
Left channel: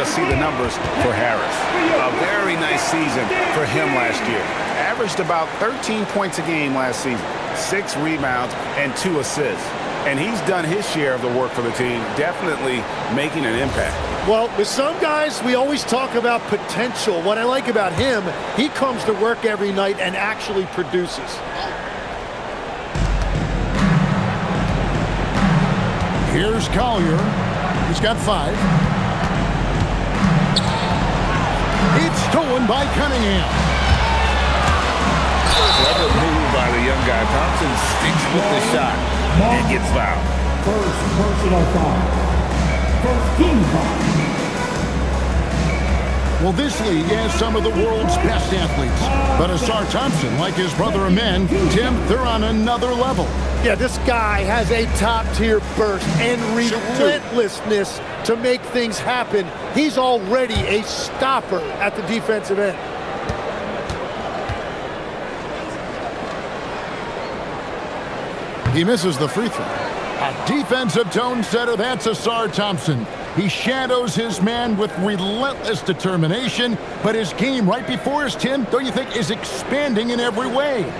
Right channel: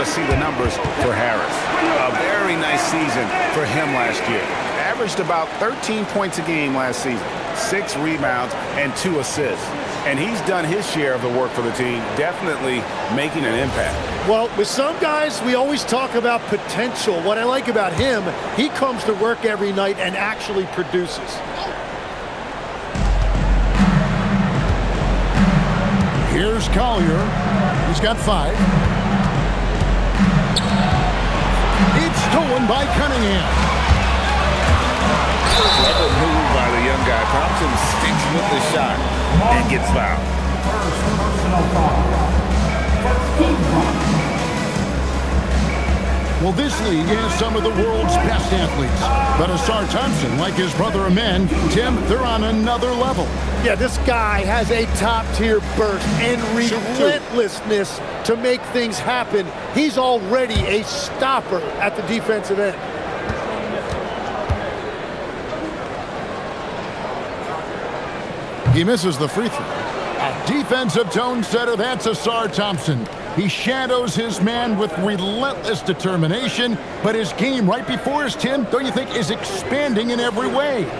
to see the numbers for Harris. A very nice season for him last year. Averaged about 13 points a game last season, 6 rebounds and 2 assists. And he's done his share of the work for the team, definitely making an impact. Well, with some guys, we always talk about potential. What I like about him, he comes to work every night and actually produces. Here's Collier. He's got 5. It's stolen by Cunningham. Clever move by the young guy. Thompson sticks with the shot and gets fouled. First personal foul. First team foul. Well, this league has some of the world's best athletes. But Ausar Thompson, like his brother Amen, Tim, they're on another level. Yeah, this guy has a top-tier burst and relentlessness to make things happen. He's already a stopper at the defensive end. He misses the free throw. A defensive tone setter, that's Ausar Thompson. He shadows his man with relentless determination, but his game right before us, Tim, don't you think, is expanding in every way?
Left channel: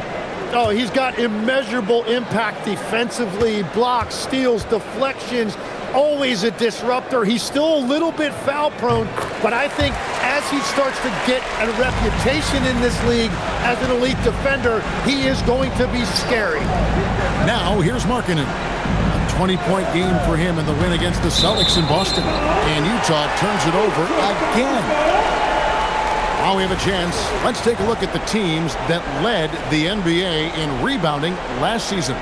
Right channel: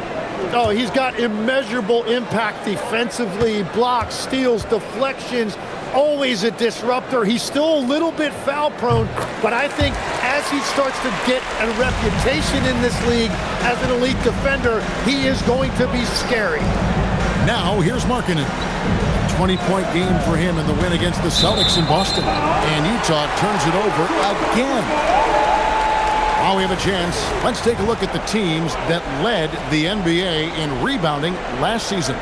Oh, he's got immeasurable impact defensively, blocks, steals, deflections, always a disruptor. He's still a little bit foul prone, but I think as he starts to get a reputation in this league as an elite defender, he is going to be scary. Now, here's Markkanen. A 20-point game for him in the win against the Celtics in Boston. And Utah turns it over again. While we have a chance, let's take a look at the teams that led the NBA in rebounding last season.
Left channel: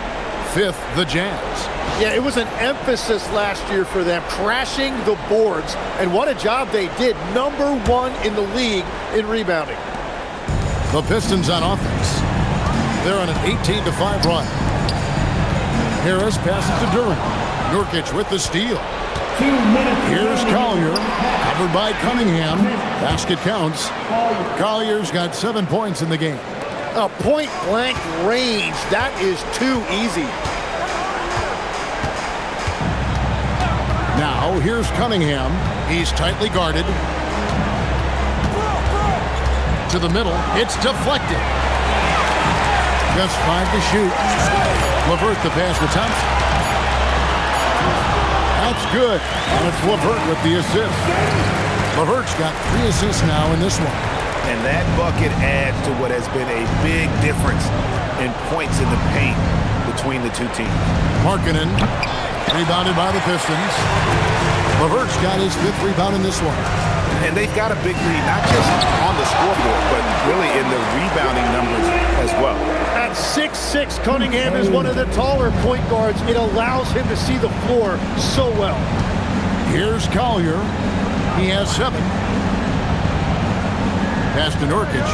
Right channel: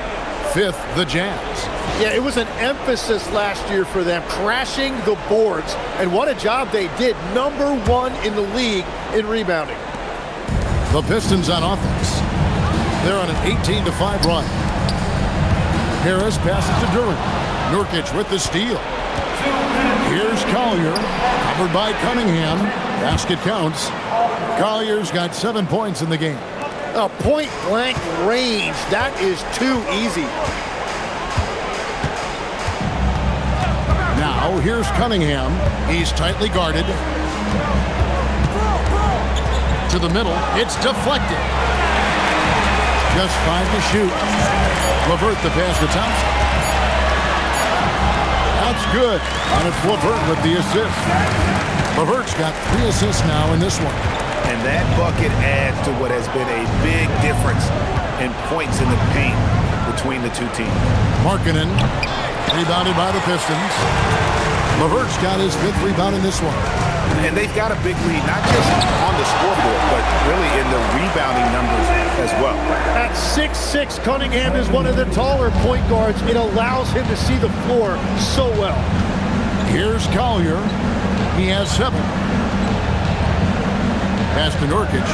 5th, the Jazz. Yeah, it was an emphasis last year for them, crashing the boards. And what a job they did. Number 1 in the league in rebounding. The Pistons on offense. They're on an 18-5 run. Harris passes to Durant. Nurkic with the steal. Here's Collier, covered by Cunningham. Basket counts. Collier's got 7 points in the game. A point-blank range. That is too easy. Now, here's Cunningham. He's tightly guarded. To the middle. It's deflected. Just 5 to shoot. LeVert the pass to Thompson. That's good. And it's LeVert with the assist. LeVert's got 3 assists now in this one. And that bucket adds to what has been a big difference in points in the paint between the two teams. Markkanen, rebounded by the Pistons. LeVert's got his 5th rebound in this one. And they've got a big lead, not just on the scoreboard, but really in the rebounding numbers as well. At 6'6", Cunningham is one of the taller point guards. It allows him to see the floor so well. Here's Collier. He has 7. Pass to Nurkic.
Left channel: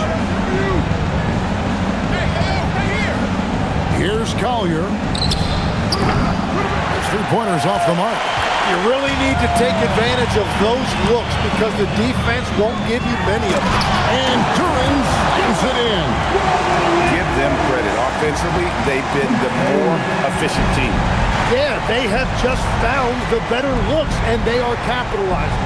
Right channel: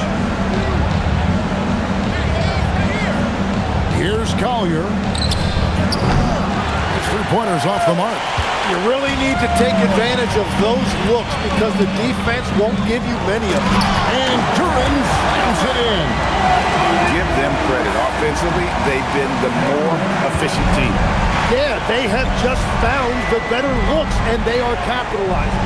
Here's Collier. His 3-pointers off the mark. You really need to take advantage of those looks because the defense won't give you many of them. And Durant slams it in. Give them credit. Offensively, they've been the more efficient team. Yeah, they have just found the better looks, and they are capitalizing.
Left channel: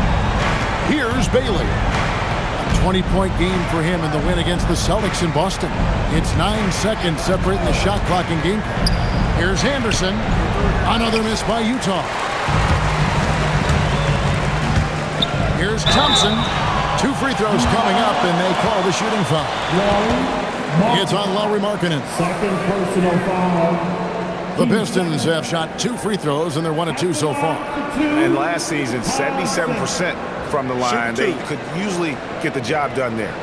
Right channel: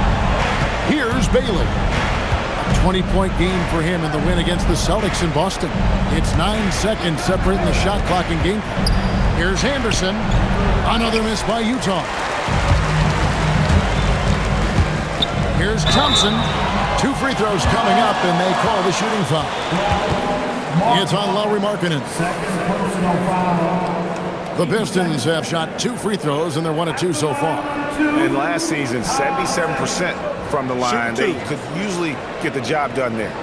Here's Bailey. A 20-point game for him in the win against the Celtics in Boston. It's 9 seconds separating the shot clock and game clock. Here's Anderson. Another miss by Utah. Here's Thompson. 2 free throws coming up, and they call the shooting foul. It's on Lauri Markkanen. Second personal foul. The Pistons have shot 2 free throws, and they're 1 of 2 so far. And last season, 77% from the line. They could usually get the job done there.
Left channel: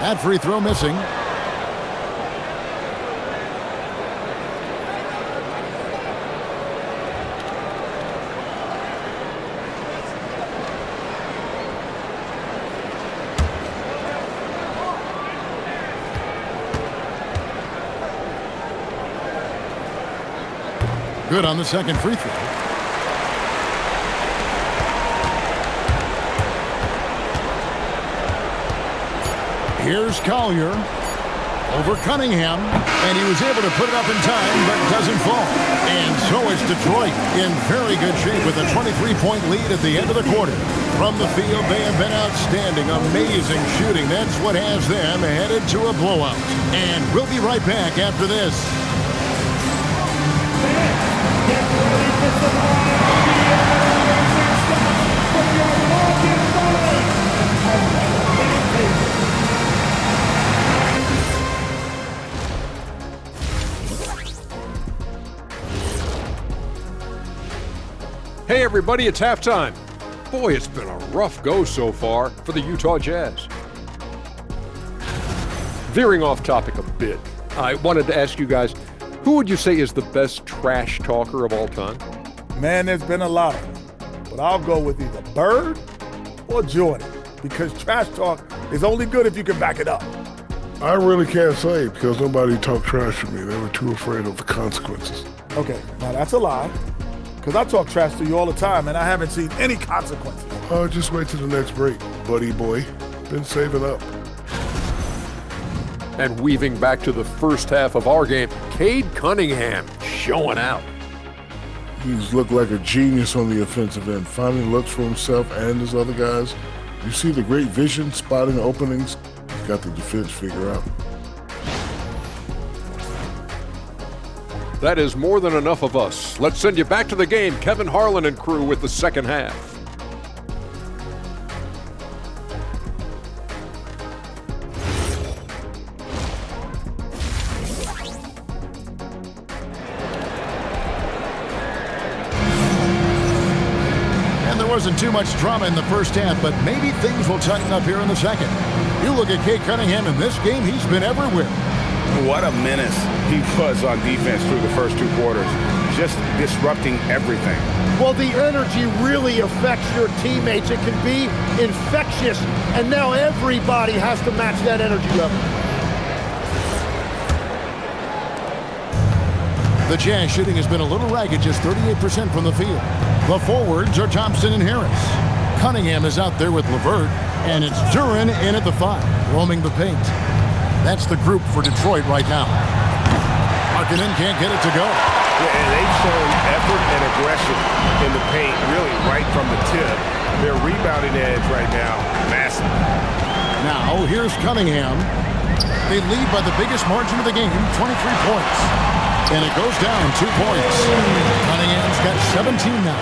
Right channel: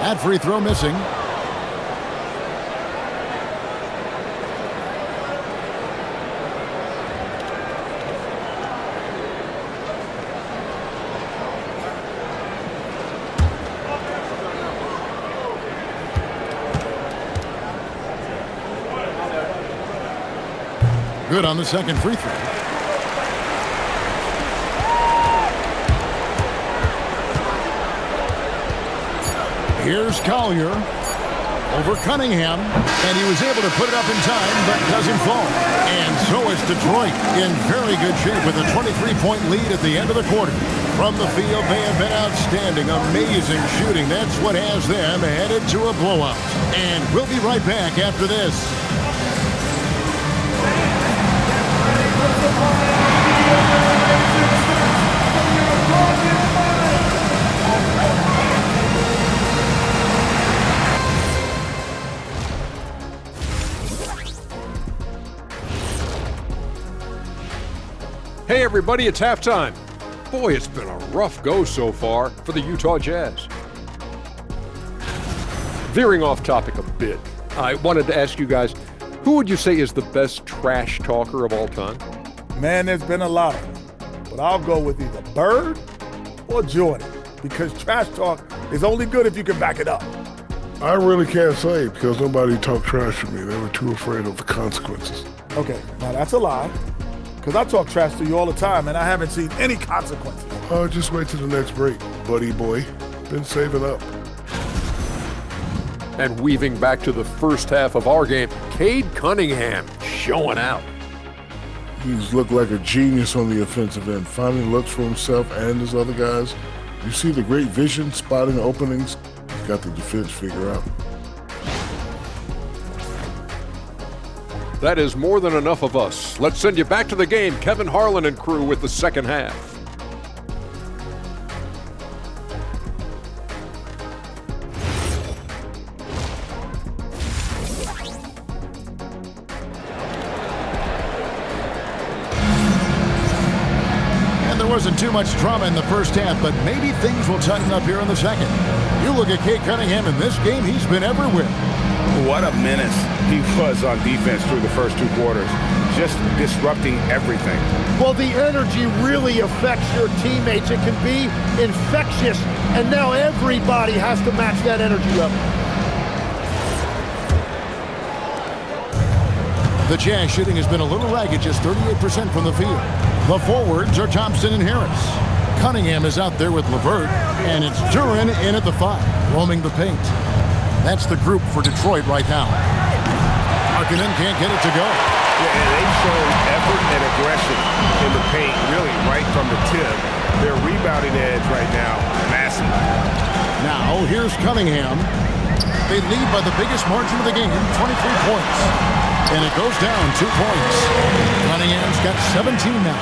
That free throw missing. Good on the second free throw. Here's Collier. over Cunningham, and he was able to put it up in time, but doesn't fall. And so is Detroit in very good shape with a 23-point lead at the end of the quarter. From the field, they have been outstanding, amazing shooting. That's what has them headed to a blowout. And we'll be right back after this. Hey everybody, it's halftime. Boy, it's been a rough go so far for the Utah Jazz. Veering off topic a bit, I wanted to ask you guys, who would you say is the best trash talker of all time? Man, there's been a lot of them. But I'll go with either Bird or Jordan, because trash talk is only good if you can back it up. I really can't say because nobody talked trash to me. They were too afraid of the consequences. Okay, now that's a lie, because I talk trash to you all the time, and I haven't seen any consequences. Oh, just wait till the next break, buddy boy. Been saving up. And weaving back to the first half of our game, Cade Cunningham showing out. He's looked like a genius on the offensive end, finding looks for himself and his other guys. You see the great vision, spotting openings. He's got the defense figured out. That is more than enough of us. Let's send you back to the game. Kevin Harlan and crew with the second half. And there wasn't too much drama in the first half, but maybe things will tighten up here in the second. You look at Cade Cunningham in this game, he's been everywhere. What a menace he was on defense through the first two quarters, just disrupting everything. Well, the energy really affects your teammates. It can be infectious, and now everybody has to match that energy level. The Jazz shooting has been a little ragged, just 38% from the field. The forwards are Thompson and Harris. Cunningham is out there with LeVert, and it's Duren in at the 5, roaming the paint. That's the group for Detroit right now. Markkanen can't get it to go. Yeah, and they've shown effort and aggression in the paint, really right from the tip. Their rebounding edge right now, massive. Now, here's Cunningham. They lead by the biggest margin of the game, 23 points. And it goes down 2 points. Cunningham's got 17 now.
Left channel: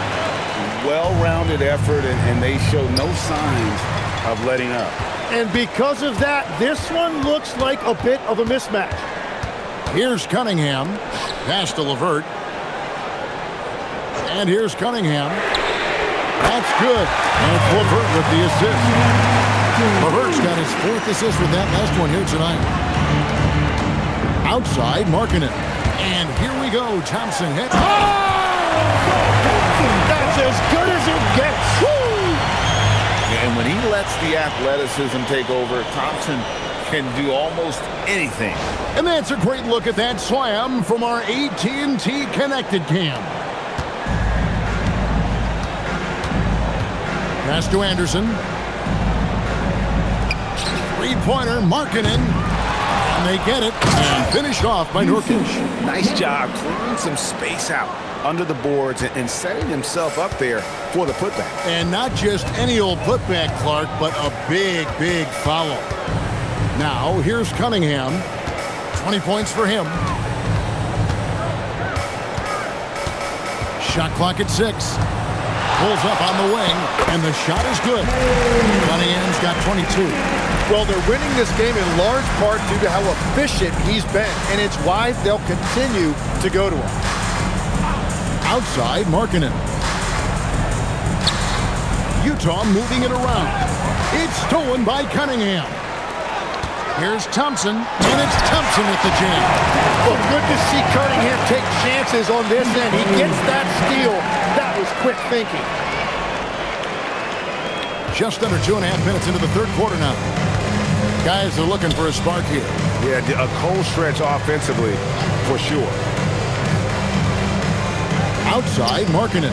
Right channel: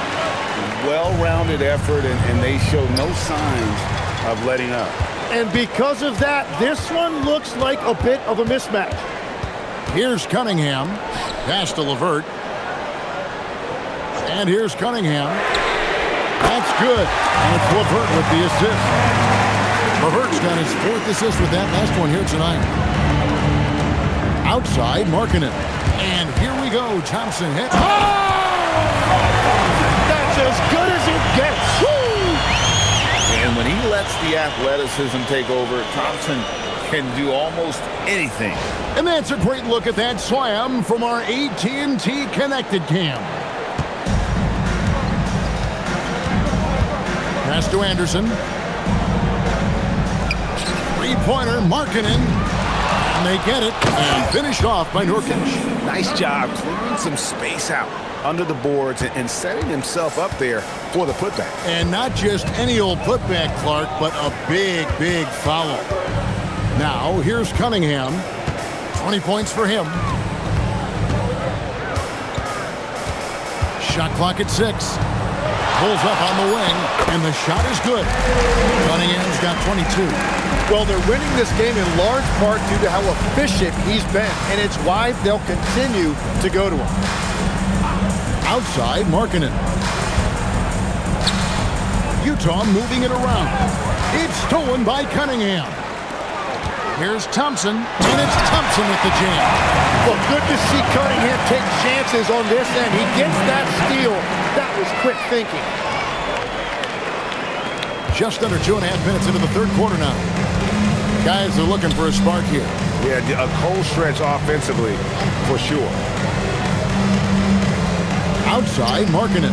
Well-rounded effort, and they show no signs of letting up. And because of that, this one looks like a bit of a mismatch. Here's Cunningham. Pass to LeVert. And here's Cunningham. That's good. And it's LeVert with the assist. LeVert's got his 4th assist with that last one here tonight. Outside, Markkanen. And here we go. Thompson hit. Oh! That's as good as it gets. Woo! And when he lets the athleticism take over, Thompson can do almost anything. And that's a great look at that slam from our AT&T Connected Cam. Pass to Anderson. Three-pointer, Markkanen. And they get it. And finished off by Nurkic. Nice job clearing some space out under the boards and setting himself up there for the putback. And not just any old putback, Clark, but a big, big foul. Now, here's Cunningham. 20 points for him. Shot clock at 6. Pulls up on the wing, and the shot is good. Cunningham's got 22. Well, they're winning this game in large part due to how efficient he's been, and it's why they'll continue to go to him. Outside, Markkanen. Utah moving it around. It's stolen by Cunningham. Here's Thompson, and it's Thompson with the jam. Well, good to see Cunningham take chances on this end. He gets that steal. That was quick thinking. Just under 2.5 minutes into the third quarter now. Guys are looking for a spark here. Yeah, a cold stretch offensively, for sure. Outside, Markkanen.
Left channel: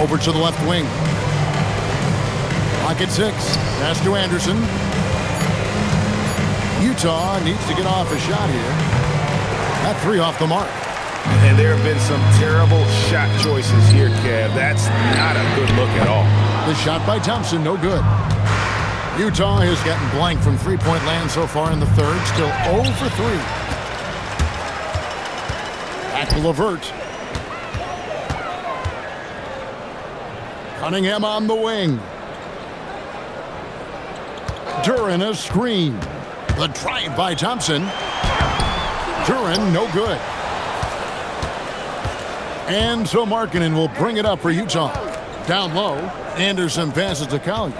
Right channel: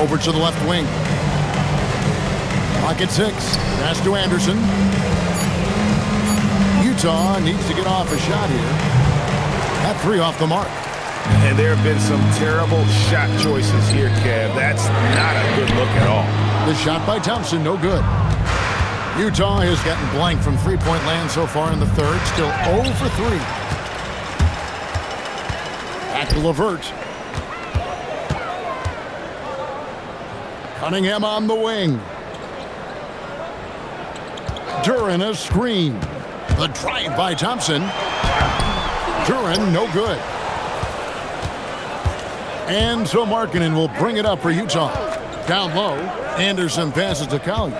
Over to the left wing. Clock at 6. Pass to Anderson. Utah needs to get off a shot here. That three off the mark. And there have been some terrible shot choices here, Kev. That's not a good look at all. The shot by Thompson, no good. Utah has gotten blank from three-point land so far in the third. Still 0 for 3. Back to LeVert. Cunningham on the wing. Duren a screen. The drive by Thompson. Duren, no good. And so Markkanen will bring it up for Utah. Down low, Anderson passes to Collier.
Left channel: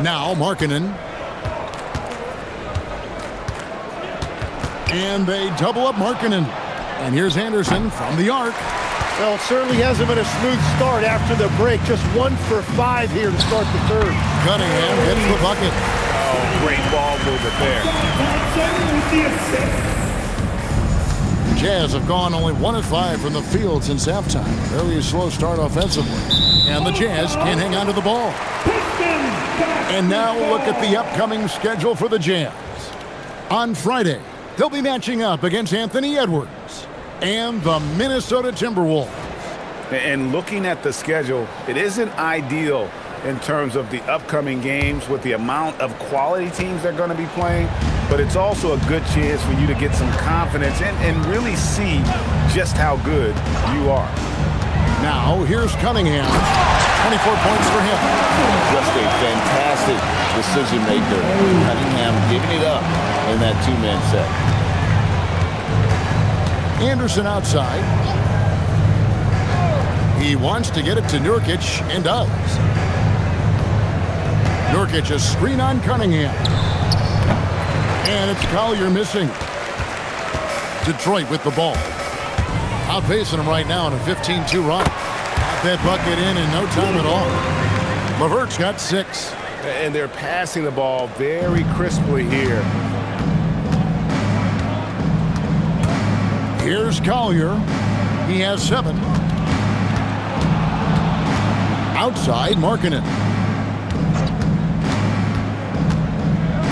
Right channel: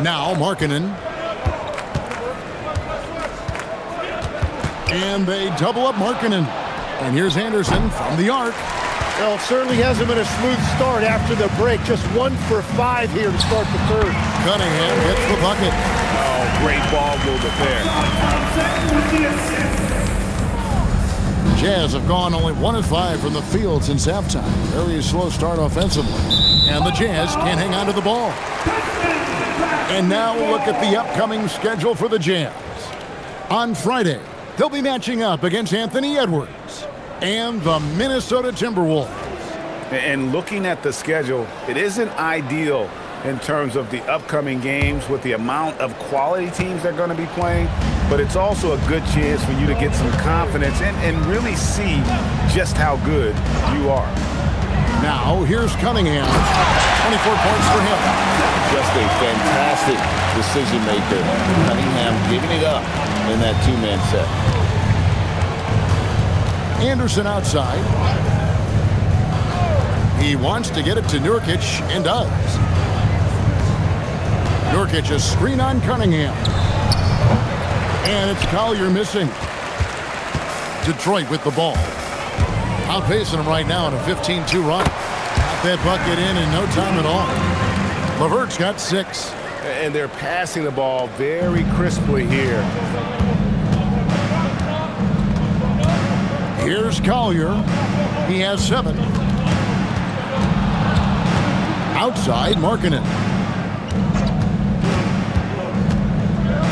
Now Markkanen. And they double up Markkanen. And here's Anderson from the arc. Well, it certainly hasn't been a smooth start after the break. Just 1 for 5 here to start the third. Cunningham gets the bucket. Oh, great ball movement there. Jazz have gone only 1 of 5 from the field since halftime. Very slow start offensively. And the Jazz can't hang on to the ball. And now look at the upcoming schedule for the Jazz. On Friday, they'll be matching up against Anthony Edwards and the Minnesota Timberwolves. And looking at the schedule, it isn't ideal in terms of the upcoming games with the amount of quality teams they're going to be playing, but it's also a good chance for you to get some confidence and really see just how good you are. Now, here's Cunningham. 24 points for him. Just a fantastic decision maker. Cunningham giving it up in that two-man set. Anderson outside. He wants to get it to Nurkic and does. Nurkic a screen on Cunningham. And it's Collier missing. Detroit with the ball. Outpacing him right now in a 15-2 run. Got that bucket in no time at all. LeVert's got 6. And they're passing the ball very crisply here. Here's Collier. He has 7. Outside, Markkanen.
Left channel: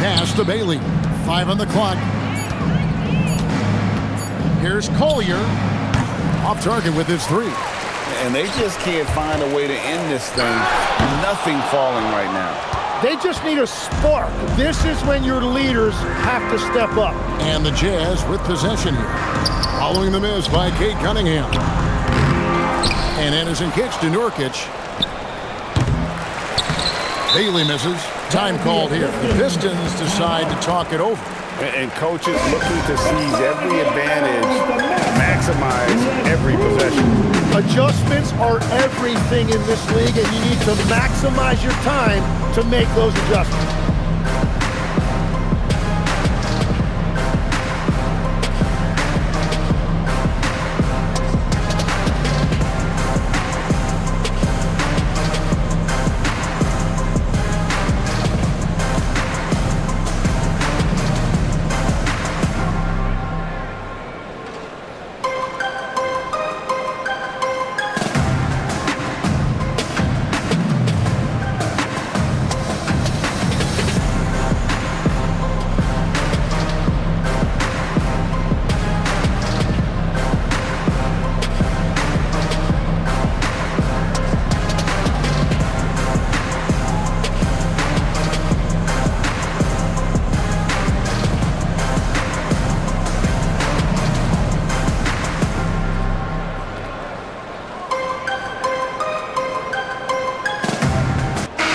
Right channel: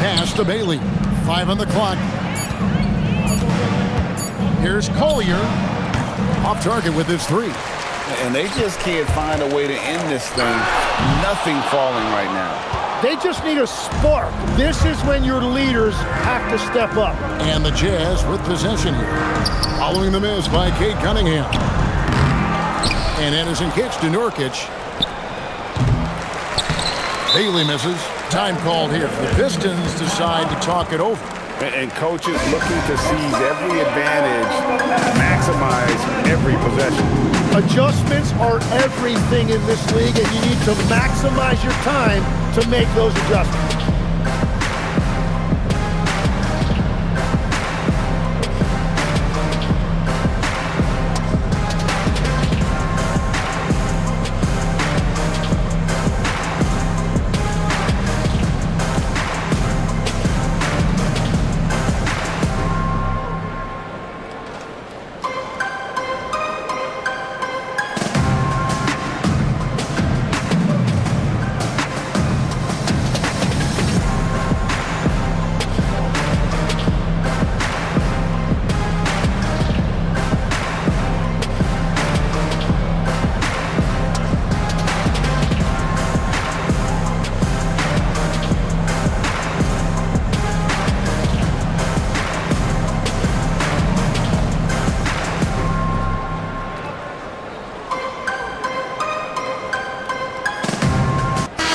Pass to Bailey. 5 on the clock. Here's Collier. Off target with his 3. And they just can't find a way to end this thing. Nothing falling right now. They just need a spark. This is when your leaders have to step up. And the Jazz with possession here. Following the miss by Cade Cunningham. And Anderson kicks to Nurkic. Bailey misses. Time called here. The Pistons decide to talk it over. And coaches looking to seize every advantage, maximize every possession. Adjustments are everything in this league, and you need to maximize your time to make those adjustments.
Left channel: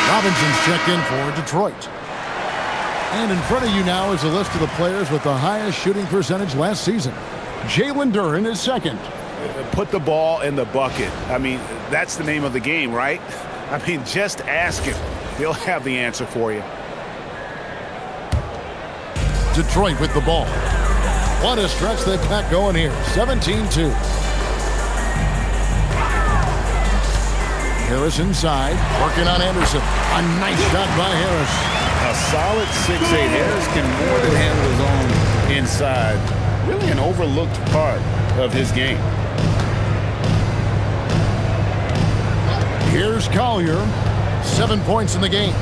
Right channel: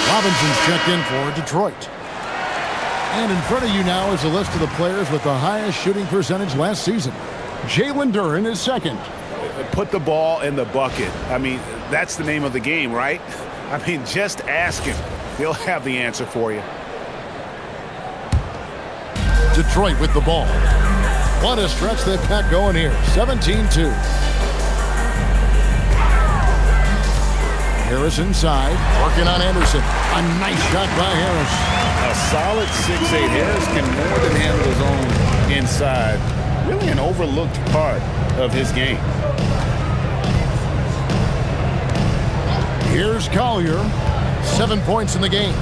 Robinson's checked in for Detroit. And in front of you now is a list of the players with the highest shooting percentage last season. Jalen Duren is second. Put the ball in the bucket. I mean, that's the name of the game, right? I mean, just ask him. He'll have the answer for you. Detroit with the ball. What a stretch they've got going here. 17-2. Harris inside, working on Anderson. A nice shot by Harris. A solid 6'8". Harris can more than handle his own inside. Really an overlooked part of his game. Here's Collier. 7 points in the game.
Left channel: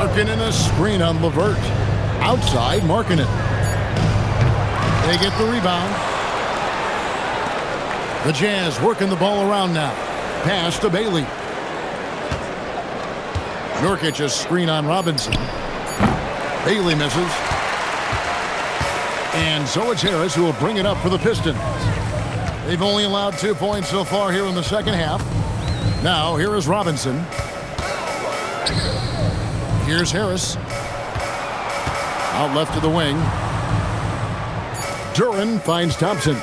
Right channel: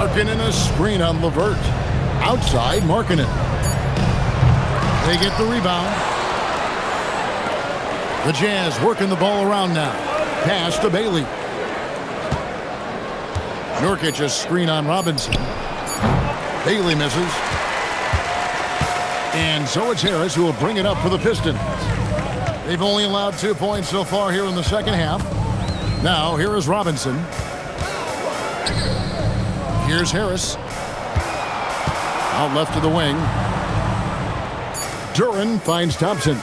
Markkanen a screen on LeVert. Outside, Markkanen. They get the rebound. The Jazz working the ball around now. Pass to Bailey. Nurkic a screen on Robinson. Bailey misses. And so it's Harris who will bring it up for the Pistons. They've only allowed 2 points so far here in the second half. Now, here is Robinson. Here's Harris. Out left to the wing. Duran finds Thompson.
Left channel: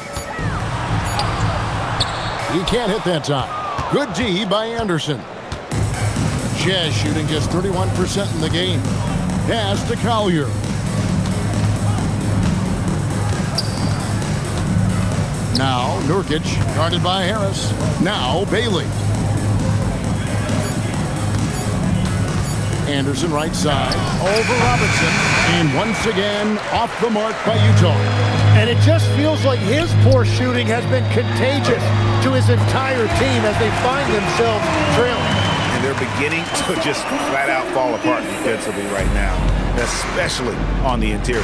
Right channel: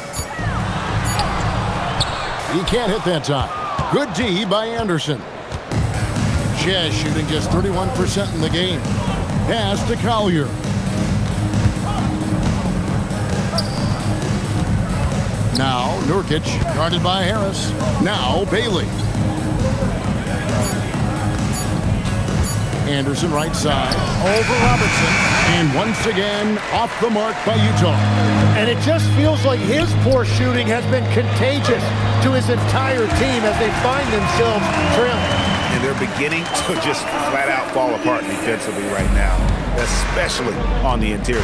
He can't hit that time. Good D by Anderson. Jazz shooting just 31% in the game. Pass to Collier. Now Nurkic, guarded by Harris. Now Bailey. Anderson right side, over Robinson, and once again off the mark by Utah. And it just feels like his poor shooting has been contagious to his entire team as they find themselves trailing. And they're beginning to just flat out fall apart defensively right now, especially on the interior.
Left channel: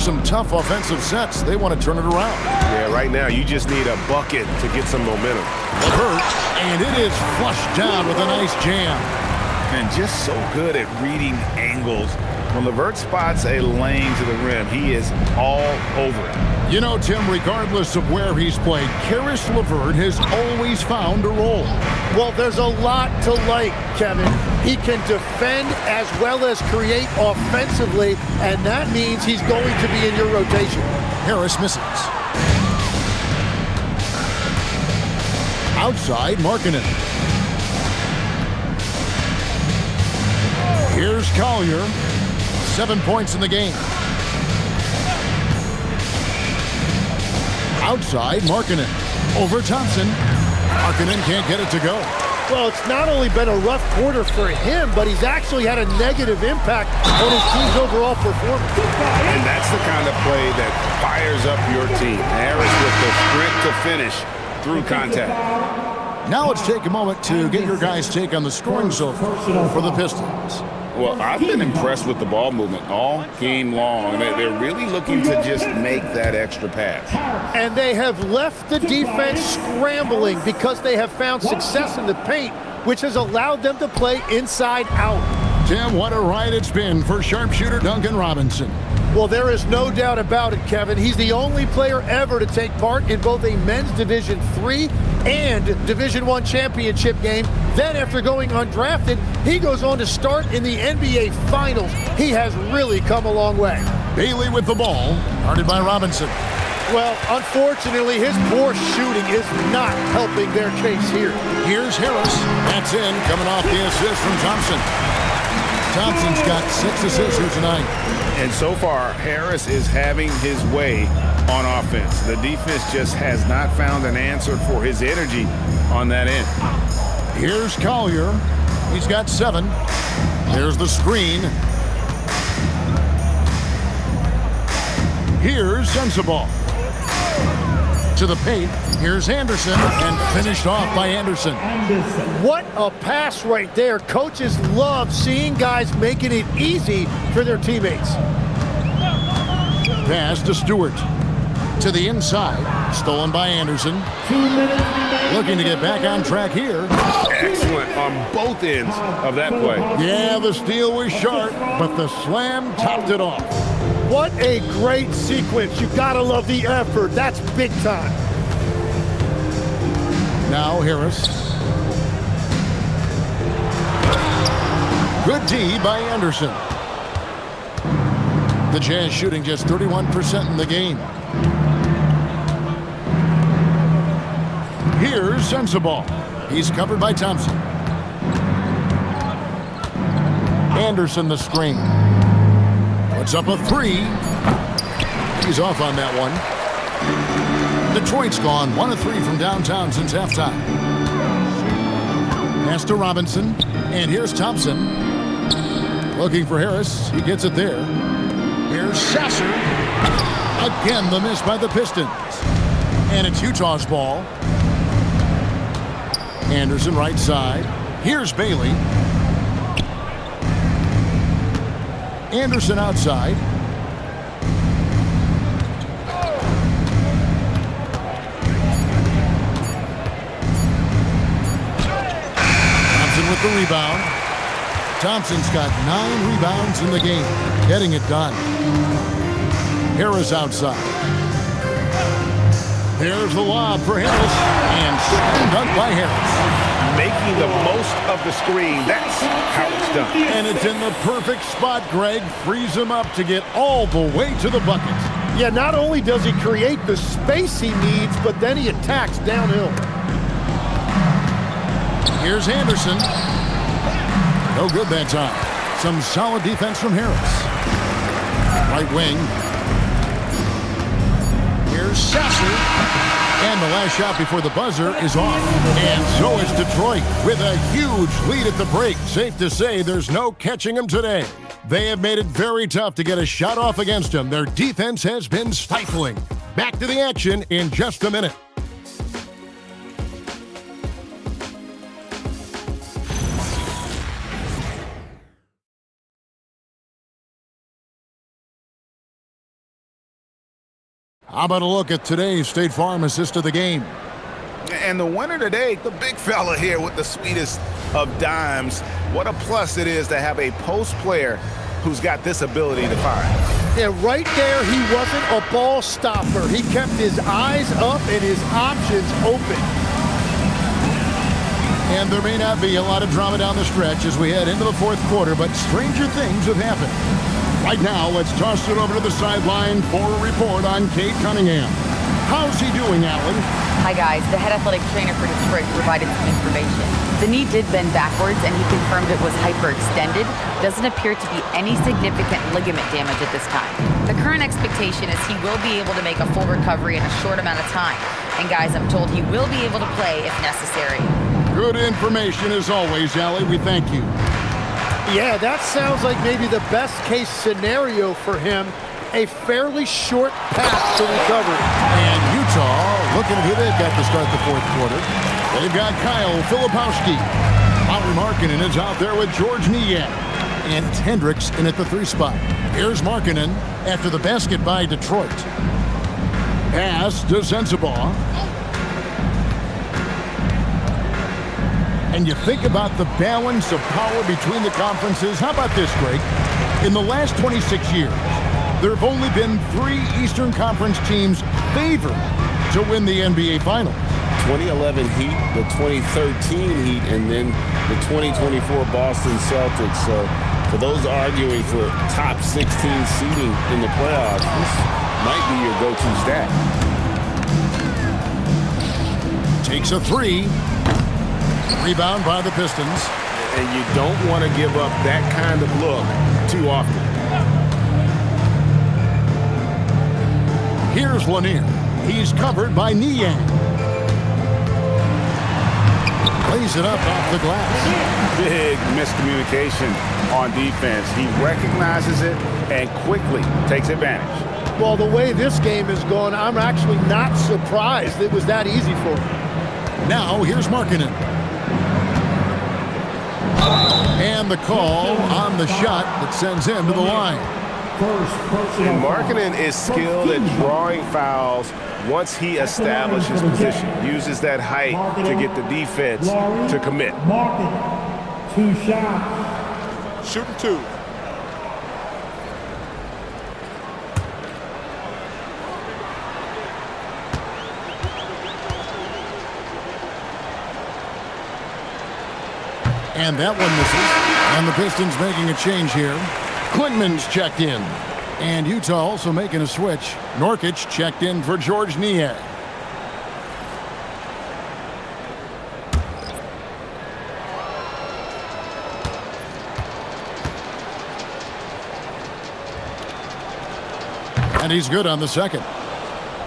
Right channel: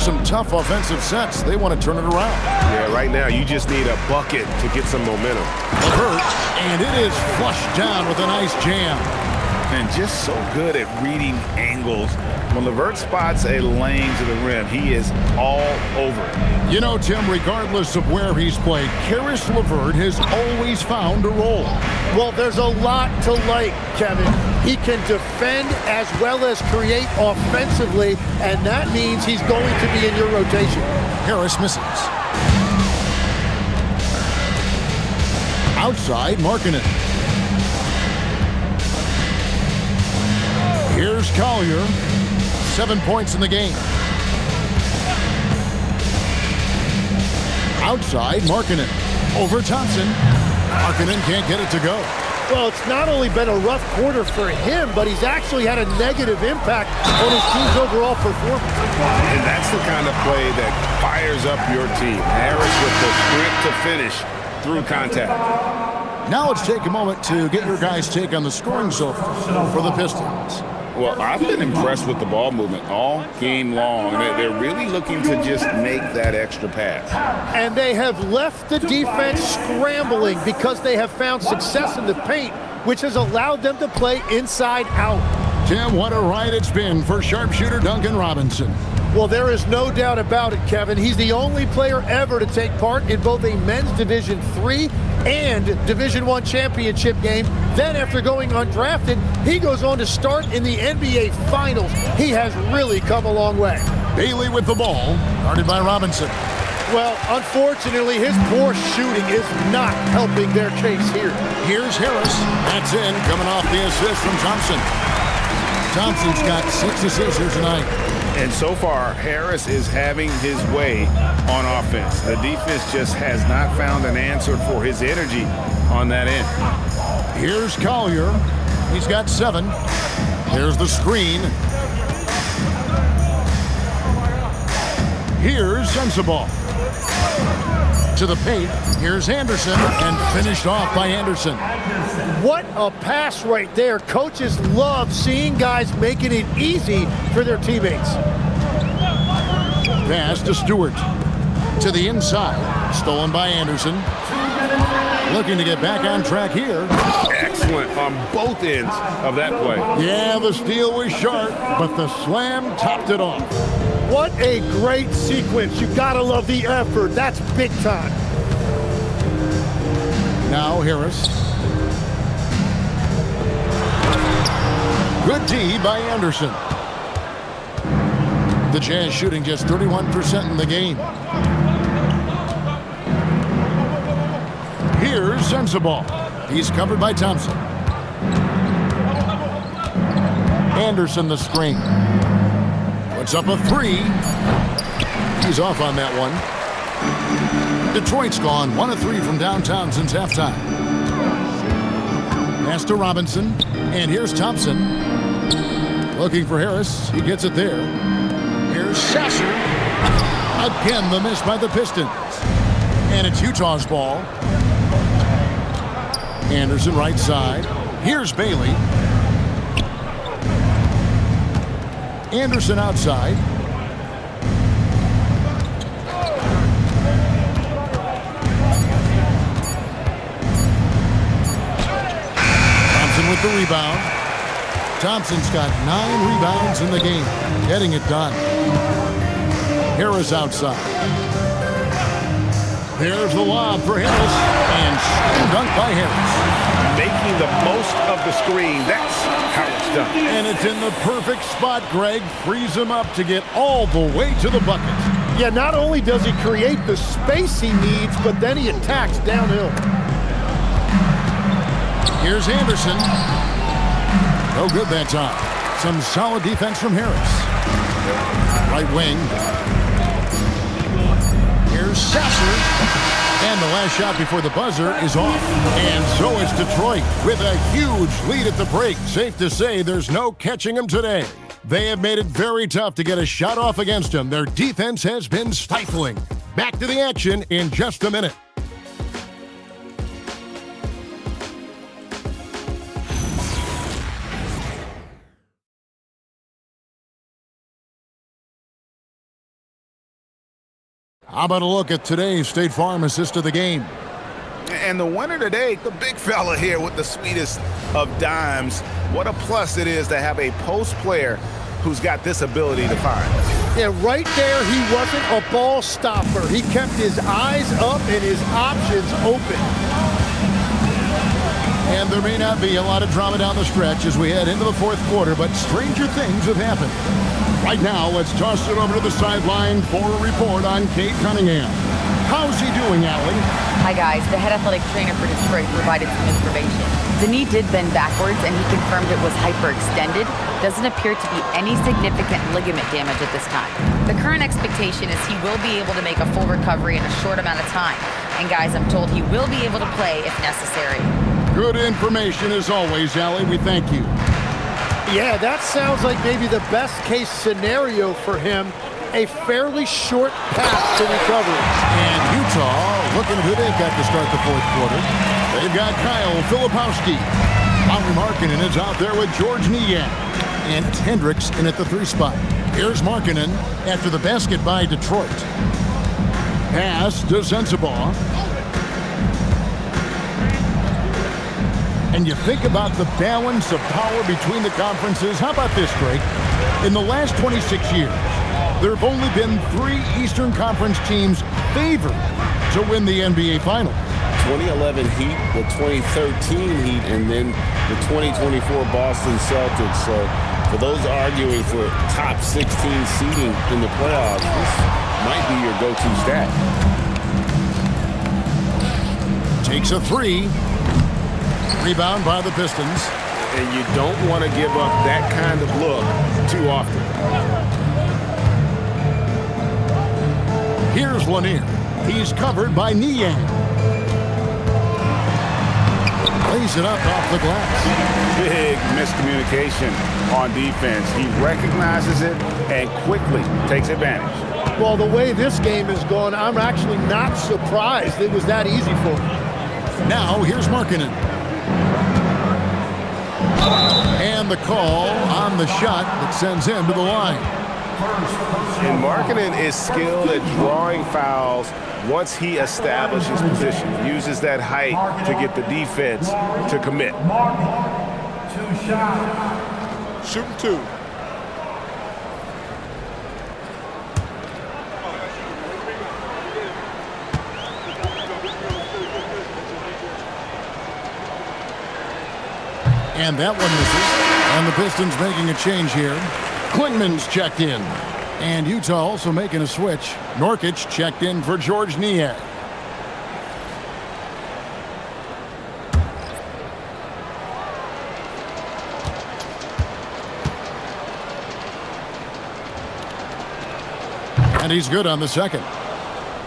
Some tough offensive sets. They want to turn it around. Yeah, right now you just need a bucket to get some momentum. LeVert, and it is flushed down with a nice jam. And just so good at reading angles. When LeVert spots a lane to the rim, he is all over it. You know, Tim, regardless of where he's played, Caris LeVert has always found a role. Well, there's a lot to like, Kevin. He can defend as well as create offensively, and that means he's going to be in your rotation. Harris misses. Outside, Markkanen. Here's Collier. 7 points in the game. Outside, Markkanen. Over Thompson. Markkanen can't get it to go. Well, it's not only been a rough quarter for him, but he's actually had a negative impact on his team's overall performance. And that's the kind of play that fires up your team. Harris with the sprint to finish through contact. Now let's take a moment to get your guys' take on the scoring so far for the Pistons. Well, I've been impressed with the ball movement all game long. They're really looking to just make that extra pass. And they have left the defense scrambling because they have found success in the paint, which has allowed them to play inside out. Tim, what a ride it's been for sharpshooter Duncan Robinson. Well, there is no doubt about it, Kevin. He's the only player ever to take part in both a men's Division III and Division I championship game. Then after going undrafted, he goes on to start in the NBA Finals. He has really come a long way. Bailey with the ball, guarded by Robinson. Well, unfortunately, his poor shooting is not helping their case here. Here's Harris. That's in, coming off the assist from Thompson. Thompson's got 6 assists here tonight. And so far, Harris is having his way on offense. The defense just has not found an answer for his energy on that end. Here's Collier. He's got 7. There's the screen. Here's Sensabaugh. To the paint. Here's Anderson, and finished off by Anderson. What a pass right there. Coaches love seeing guys making it easy for their teammates. Pass to Stewart. To the inside. Stolen by Anderson. Looking to get back on track here. Excellent on both ends of that play. Yeah, the steal was sharp, but the slam topped it off. What a great sequence. You gotta love the effort. That's big time. Now Harris. Good D by Anderson. The Jazz shooting just 31% in the game. Here's Sensabaugh. He's covered by Thompson. Anderson the screen. Puts up a 3. He's off on that one. Detroit's gone 1 of 3 from downtown since halftime. Pass to Robinson. And here's Thompson. Looking for Harris. He gets it there. Here's Sasser. Again, the miss by the Pistons. And it's Utah's ball. Anderson right side. Here's Bailey. Anderson outside. Thompson with the rebound. Thompson's got 9 rebounds in the game, getting it done. Harris outside. There's the lob for Harris, and slam dunk by Harris. Making the most of the screen, that's how it's done. And it's in the perfect spot, Greg. Frees him up to get all the way to the bucket. Yeah, not only does he create the space he needs, but then he attacks downhill. Here's Anderson. No good that time. Some solid defense from Harris. Right wing. Here's Sasser. And the last shot before the buzzer is off. And so is Detroit with a huge lead at the break. Safe to say there's no catching them today. They have made it very tough to get a shot off against them. Their defense has been stifling. Back to the action in just a minute. How about a look at today's State Farm assist of the game? And the winner today, the big fella here with the sweetest of dimes. What a plus it is to have a post player who's got this ability to find. Yeah, right there, he wasn't a ball stopper. He kept his eyes up and his options open. And there may not be a lot of drama down the stretch as we head into the fourth quarter, but stranger things have happened. Right now, let's toss it over to the sideline for a report on Cade Cunningham. How's he doing, Allie? Hi, guys. The head athletic trainer for Detroit provided some information. The knee did bend backwards, and he confirmed it was hyperextended. Doesn't appear to be any significant ligament damage at this time. The current expectation is he will be able to make a full recovery in a short amount of time. And, guys, I'm told he will be able to play if necessary. Good information as always, Allie. We thank you. Yeah, that sounds like maybe the best case scenario for him. A fairly short path to recovery. And Utah looking at who they've got to start the fourth quarter. They've got Kyle Filipowski. Lauri Markkanen is out there with George Niang. And it's Hendricks in at the 3 spot. Here's Markkanen after the basket by Detroit. Pass to Sensabaugh. And you think about the balance of power between the conferences. How about this, Greg? In the last 26 years, there have only been 3 Eastern Conference teams favored to win the NBA Finals. 2011 Heat, the 2013 Heat, and then the 2024 Boston Celtics. So for those arguing for top 16 seeding in the playoffs, this might be your go-to stat. Takes a 3. Rebound by the Pistons. And you don't want to give up that kind of look too often. Here's Lanier. He's covered by Niang. Lays it up off the glass. Big miscommunication on defense. He recognizes it and quickly takes advantage. Well, the way this game is going, I'm actually not surprised it was that easy for him. Now, here's Markkanen. And the call on the shot that sends him to the line. And Markkanen is skilled at drawing fouls once he establishes position. Uses that height to get the defense to commit. 2 shots. Shooting 2. And that one misses. And the Pistons making a change here. Quinman's checked in. And Utah also making a switch. Nurkic checked in for George Niang. And he's good on the second.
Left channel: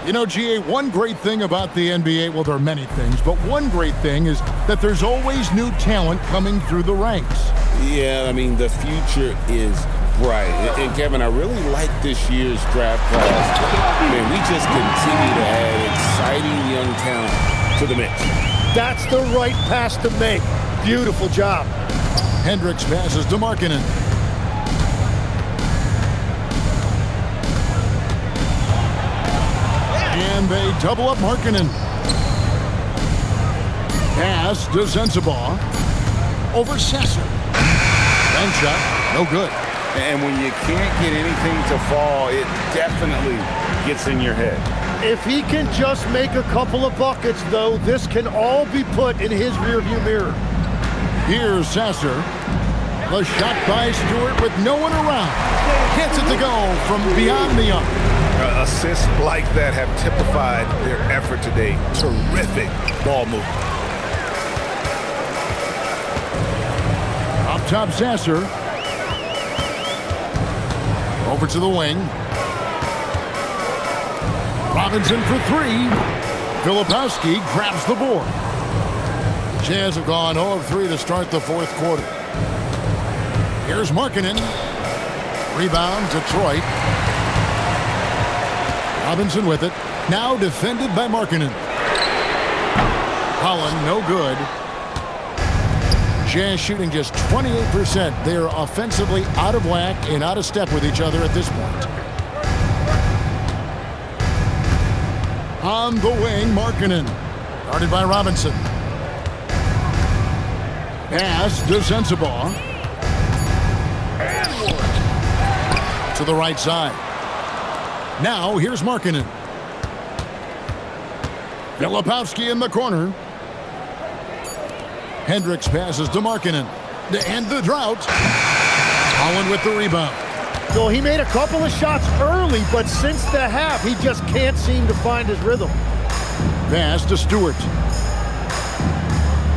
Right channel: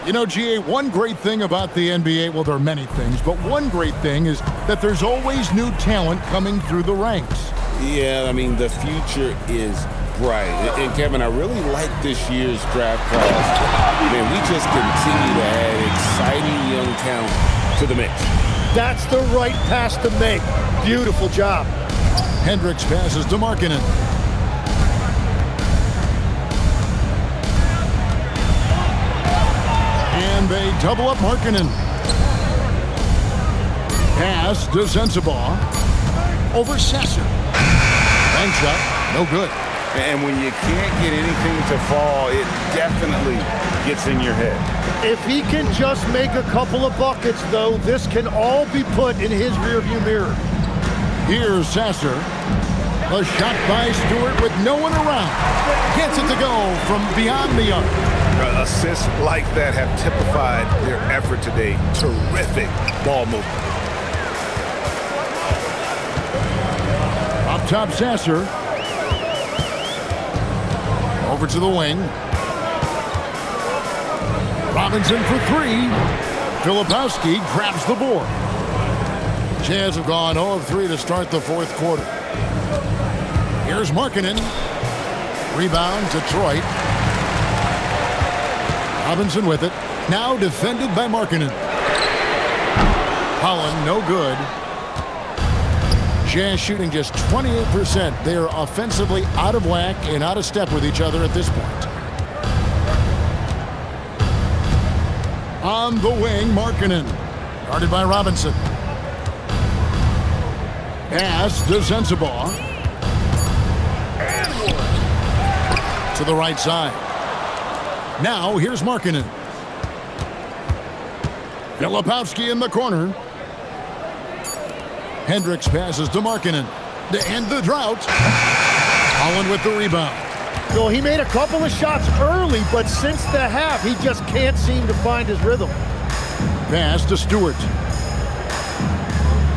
You know, GA, one great thing about the NBA, well, there are many things, but one great thing is that there's always new talent coming through the ranks. Yeah, I mean, the future is bright. And Kevin, I really like this year's draft class. Man, we just continue to add exciting young talent to the mix. That's the right pass to make. Beautiful job. Hendricks passes to Markkanen. And they double up Markkanen. Pass to Sensabaugh. Over Sasser. Bank shot, no good. And when you can't get anything to fall, it definitely gets in your head. If he can just make a couple of buckets, though, this can all be put in his rearview mirror. Here's Sasser. The shot by Stewart with no one around. Gets it to go from beyond the arc. Assists like that have typified their effort today. Terrific ball movement. Up top, Sasser. Over to the wing. Robinson for three. Filipowski grabs the board. Jazz have gone 0 of 3 to start the fourth quarter. Here's Markkanen. Rebound, Detroit. Robinson with it. Now defended by Markkanen. Holland, no good. Jazz shooting just 28%. They are offensively out of whack and out of step with each other at this point. On the wing, Markkanen. Guarded by Robinson. Pass to Sensabaugh. And one. To the right side. Now, here's Markkanen. Filipowski in the corner. Hendricks passes to Markkanen to end the drought. Holland with the rebound. Well, he made a couple of shots early, but since the half, he just can't seem to find his rhythm. Pass to Stewart.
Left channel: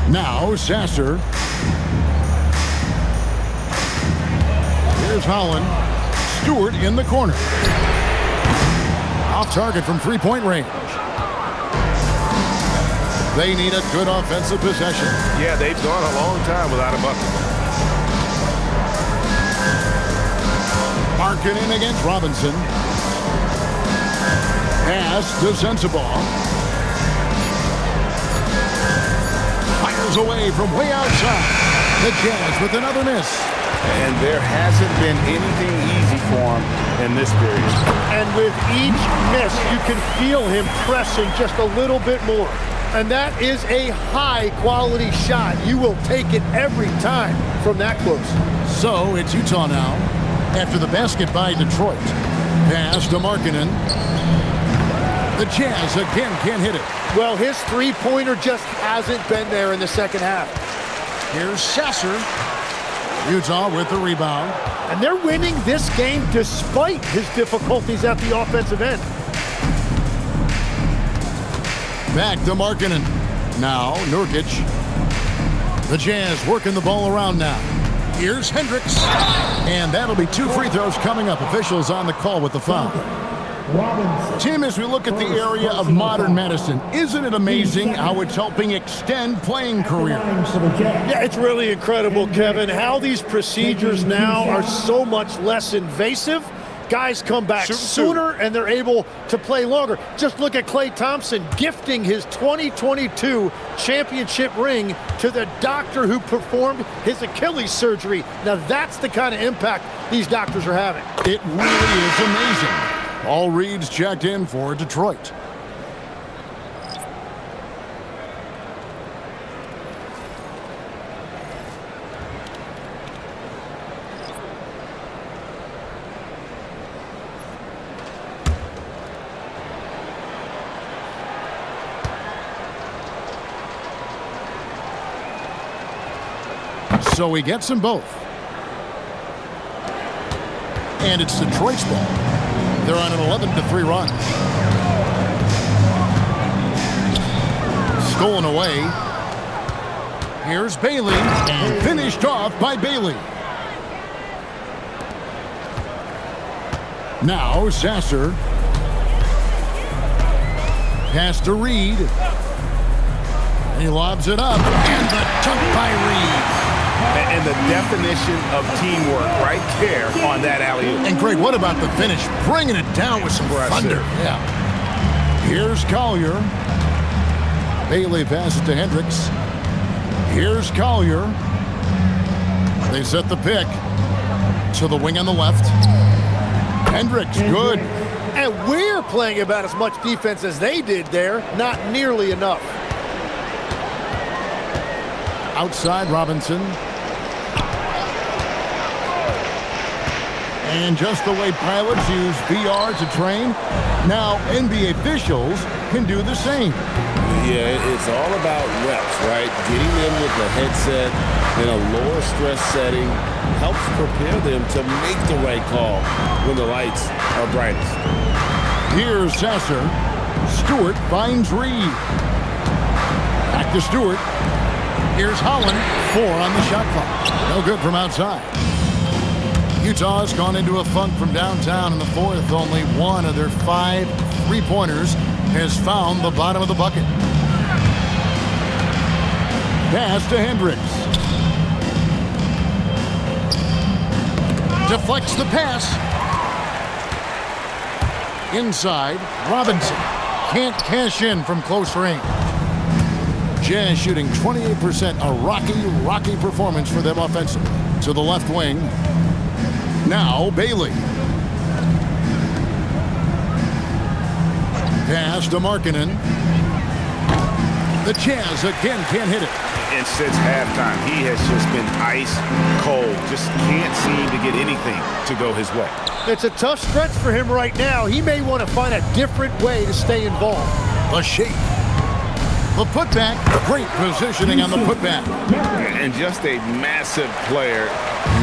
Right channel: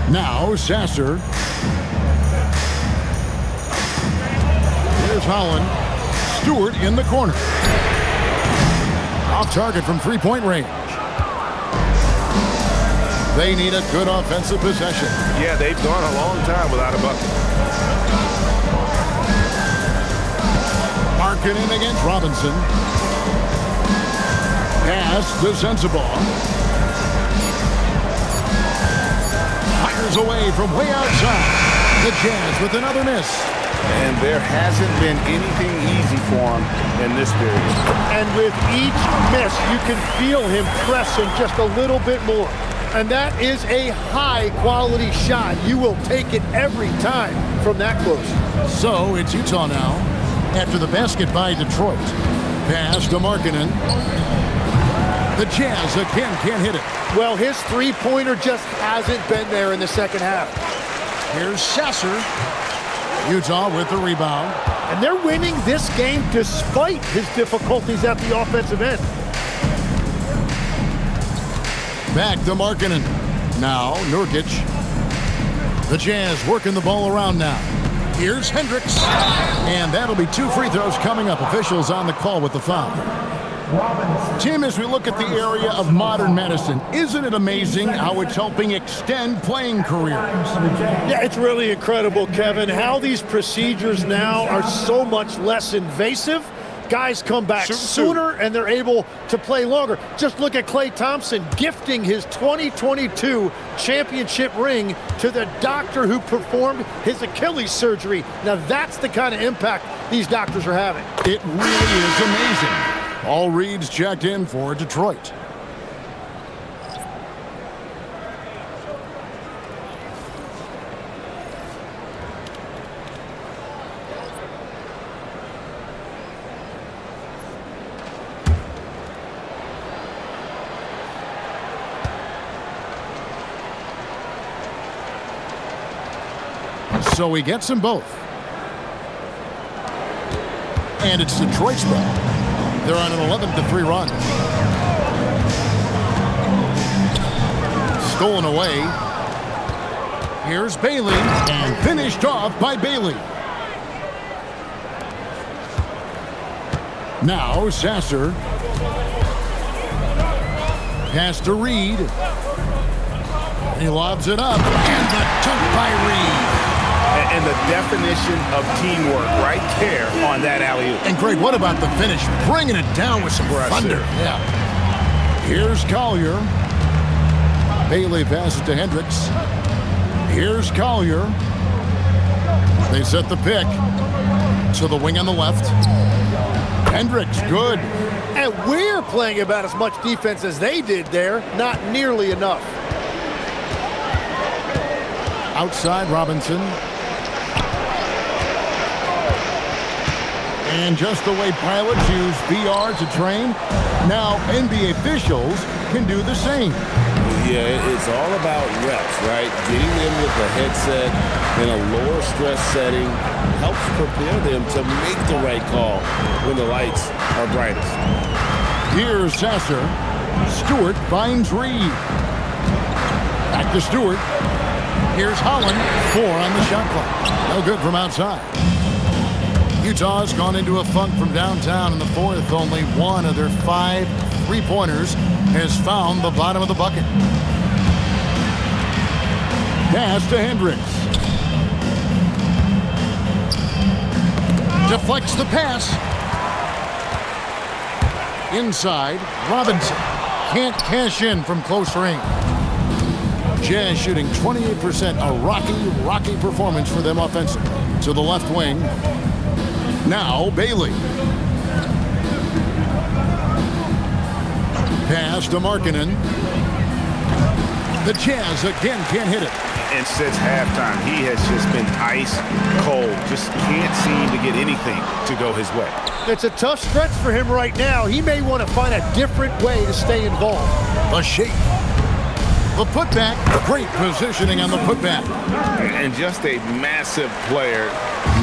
Now, Sasser. Here's Holland. Stewart in the corner. Off target from three-point range. They need a good offensive possession. Yeah, they've gone a long time without a bucket. Markkanen against Robinson. Pass to Sensabaugh. Fires away from way outside. The Jazz with another miss. And there hasn't been anything easy for him in this period. And with each miss, you can feel him pressing just a little bit more. And that is a high-quality shot. You will take it every time from that close. So it's Utah now after the basket by Detroit. Pass to Markkanen. The Jazz again can't hit it. Well, his three-pointer just hasn't been there in the second half. Here's Sasser. Utah with the rebound. And they're winning this game despite his difficulties at the offensive end. Back to Markkanen. Now, Nurkic. The Jazz working the ball around now. Here's Hendricks. And that'll be 2 free throws coming up. Officials on the call with the foul. Tim, as we look at the area of modern medicine, isn't it amazing how it's helping extend playing careers? Yeah, it's really incredible, Kevin, how these procedures now are so much less invasive. Guys come back sooner and they're able to play longer. Just look at Klay Thompson gifting his 2022 championship ring to the doctor who performed his Achilles surgery. Now that's the kind of impact these doctors are having. It really is amazing. All Reed's checked in for Detroit. So he gets them both. And it's Detroit's ball. They're on an 11-3 run. Stolen away. Here's Bailey, and finished off by Bailey. Now Sasser. Pass to Reed. And he lobs it up, and the dunk by Reed. And the definition of teamwork right there on that alley-oop. And Greg, what about the finish? Bringing it down with some thunder. Yeah. Here's Collier. Bailey passes to Hendricks. Here's Collier. They set the pick to the wing on the left. Hendricks, good. And we're playing about as much defense as they did there. Not nearly enough. Outside Robinson. And just the way pilots use VR to train, now NBA officials can do the same. Yeah, it's all about reps, right? Getting them with the headset in a lower stress setting helps prepare them to make the right call when the lights are brightest. Here's Sasser. Stewart finds Reed. Back to Stewart. Here's Holland. 4 on the shot clock. No good from outside. Utah's gone into a funk from downtown in the fourth. Only one of their 5 3-pointers has found the bottom of the bucket. Pass to Hendricks. Deflects the pass. Inside, Robinson. Can't cash in from close range. Jazz shooting 28%. A rocky performance for them offensively. To the left wing. Now Bailey. Pass to Markkanen. The Jazz again can't hit it. And since halftime, he has just been ice cold. Just can't seem to get anything to go his way. It's a tough stretch for him right now. He may want to find a different way to stay involved. A shake. The putback. Great positioning on the putback. And just a massive player.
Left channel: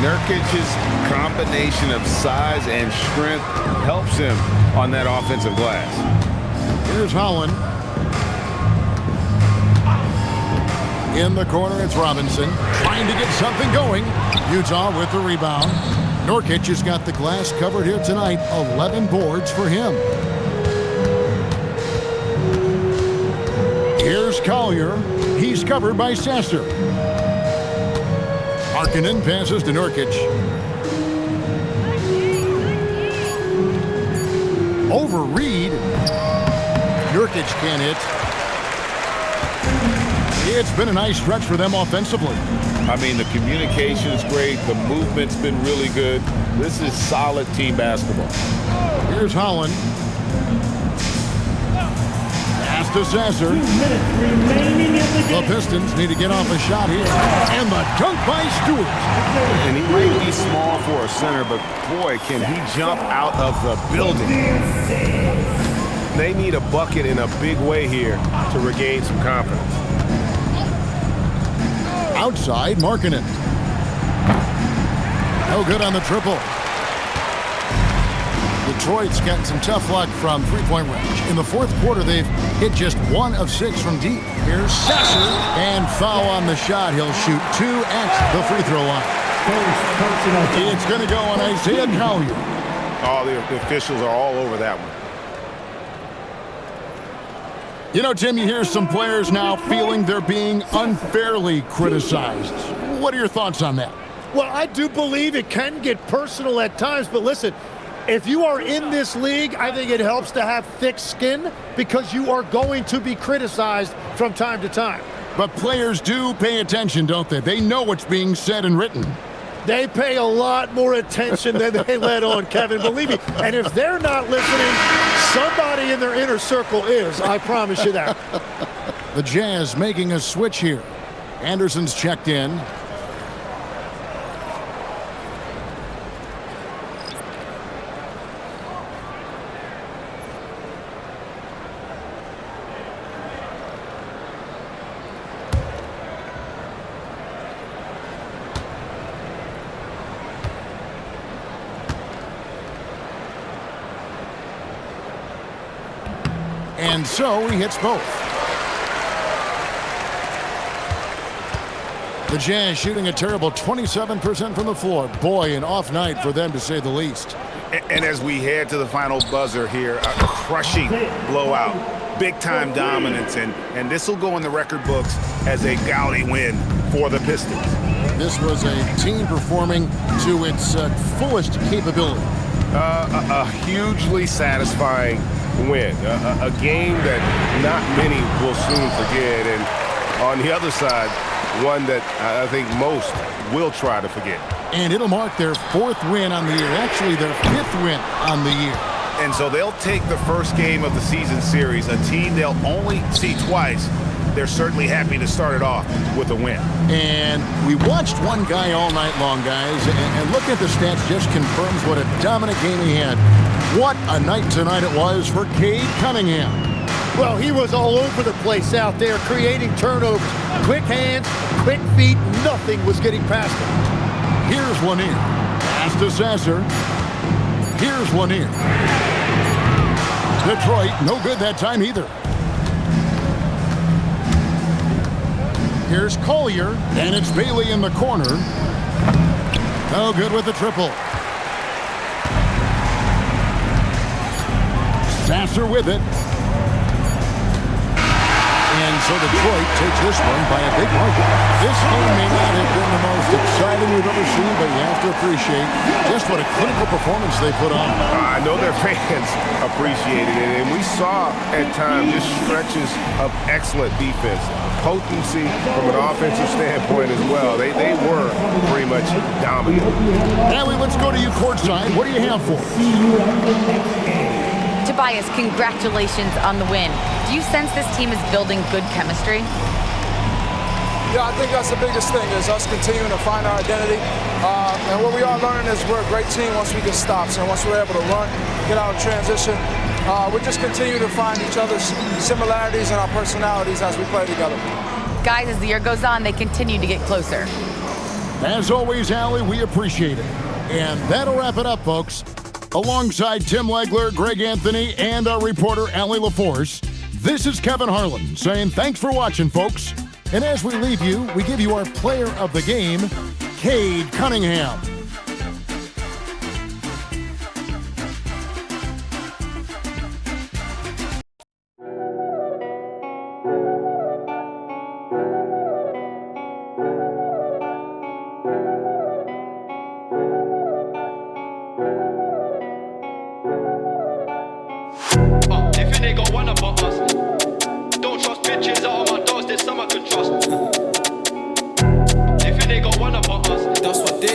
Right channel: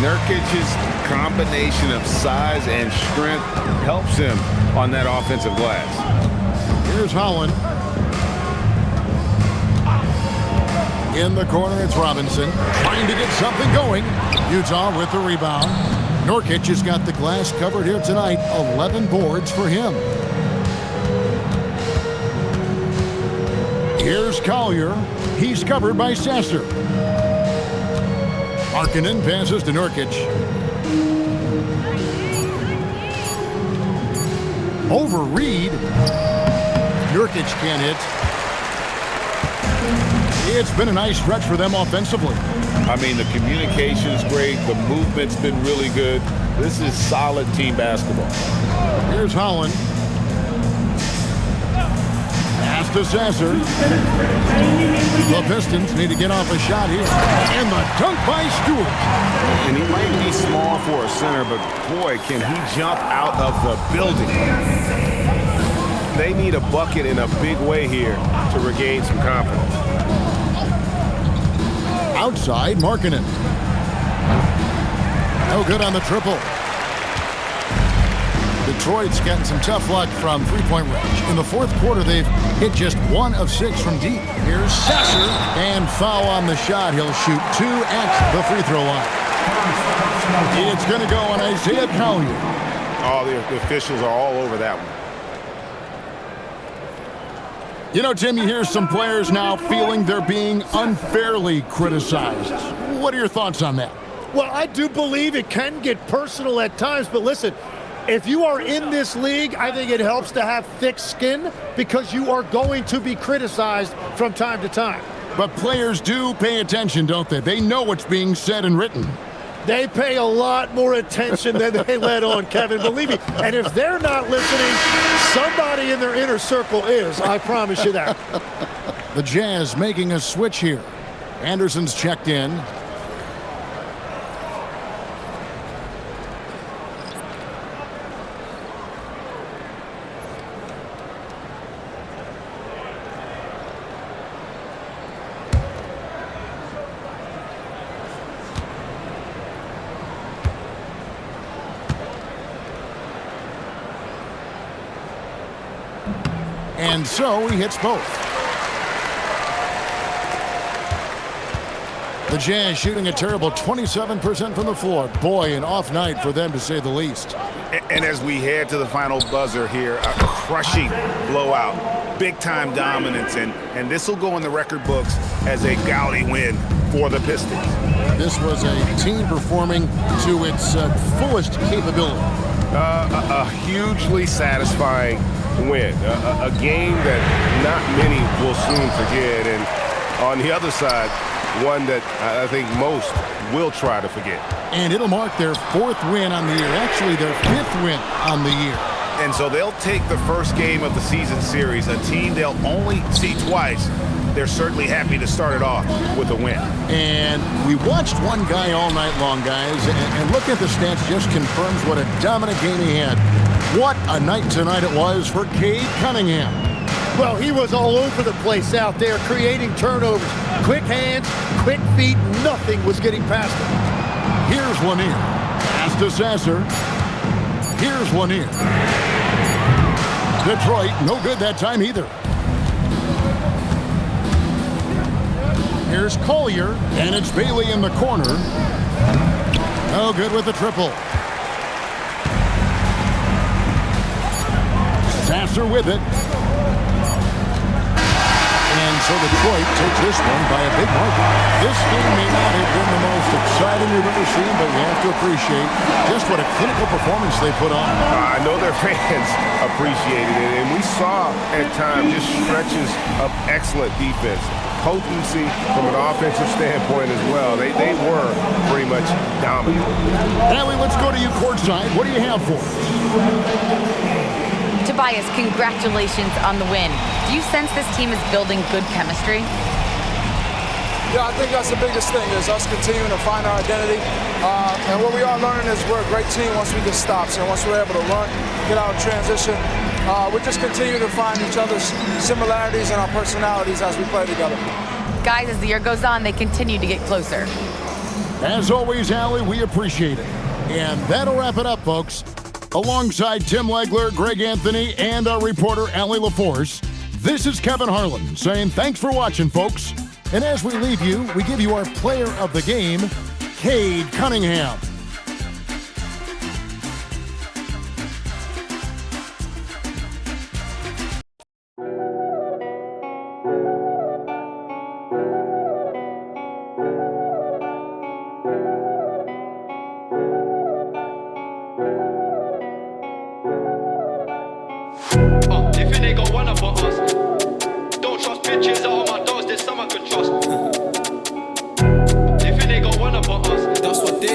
Nurkic's combination of size and strength helps him on that offensive glass. Here's Holland. In the corner, it's Robinson trying to get something going. Utah with the rebound. Nurkic has got the glass covered here tonight. 11 boards for him. Here's Collier. He's covered by Sasser. Markkanen passes to Nurkic. Over Reed. Nurkic can't hit. It's been a nice stretch for them offensively. I mean, the communication's great. The movement's been really good. This is solid team basketball. Here's Holland. Pass to Sasser. The Pistons need to get off a shot here. And the dunk by Stewart. And he might be small for a center, but boy, can he jump out of the building. They need a bucket in a big way here to regain some confidence. Outside, Markkanen. No good on the triple. Detroit's getting some tough luck from three-point range. In the fourth quarter, they've hit just 1 of 6 from deep. Here's Sasser, and foul on the shot. He'll shoot 2 at the free throw line. It's going to go on Isaiah Collier. Oh, the officials are all over that one. You know, Tim, you hear some players now feeling they're being unfairly criticized. What are your thoughts on that? Well, I do believe it can get personal at times, but listen, if you are in this league, I think it helps to have thick skin because you are going to be criticized from time to time. But players do pay attention, don't they? They know what's being said and written. They pay a lot more attention than they let on, Kevin, believe me. And if they're not listening, somebody in their inner circle is, I promise you that. The Jazz making a switch here. Anderson's checked in. And so he hits both. The Jazz shooting a terrible 27% from the floor. Boy, an off night for them to say the least. And as we head to the final buzzer here, a crushing blowout, big-time dominance, and this will go in the record books as a gaudy win for the Pistons. This was a team performing to its fullest capability. A hugely satisfying win, a game that not many will soon forget, and on the other side, one that I think most will try to forget. And it'll mark their 4th win on the year, actually their 5th win on the year. And so they'll take the first game of the season series, a team they'll only see twice. They're certainly happy to start it off with a win. And we watched one guy all night long, guys, and looking at the stats just confirms what a dominant game he had. What a night tonight it was for Cade Cunningham. Well, he was all over the place out there, creating turnovers. Quick hands, quick feet, nothing was getting past him. Here's Lanier. Pass to Sasser. Here's Lanier. Detroit, no good that time either. Here's Collier, and it's Bailey in the corner. No good with the triple. Sasser with it. And so Detroit takes this one by a big margin. This game may not have been the most exciting we've ever seen, but you have to appreciate just what a clinical performance they put on. I know their fans appreciated it, and we saw at times just stretches of excellent defense. Potency from an offensive standpoint as well. They were pretty much dominant. Allie, let's go to you courtside. What do you have for us? Tobias, congratulations on the win. Do you sense this team is building good chemistry? Yeah, I think that's the biggest thing, is us continuing to find our identity. And what we are learning is we're a great team once we get stops. And once we're able to run, get out of transition, we just continue to find each other's similarities and our personalities as we play together. Guys, as the year goes on, they continue to get closer. As always, Allie, we appreciate it. And that'll wrap it up, folks. Alongside Tim Legler, Greg Anthony, and our reporter, Allie LaForce, this is Kevin Harlan saying thanks for watching, folks. And as we leave you, we give you our player of the game, Cade Cunningham. If you nigga wanna but us, don't trust bitches out of my doors, there's some I can trust. If you nigga wanna but us, that's what they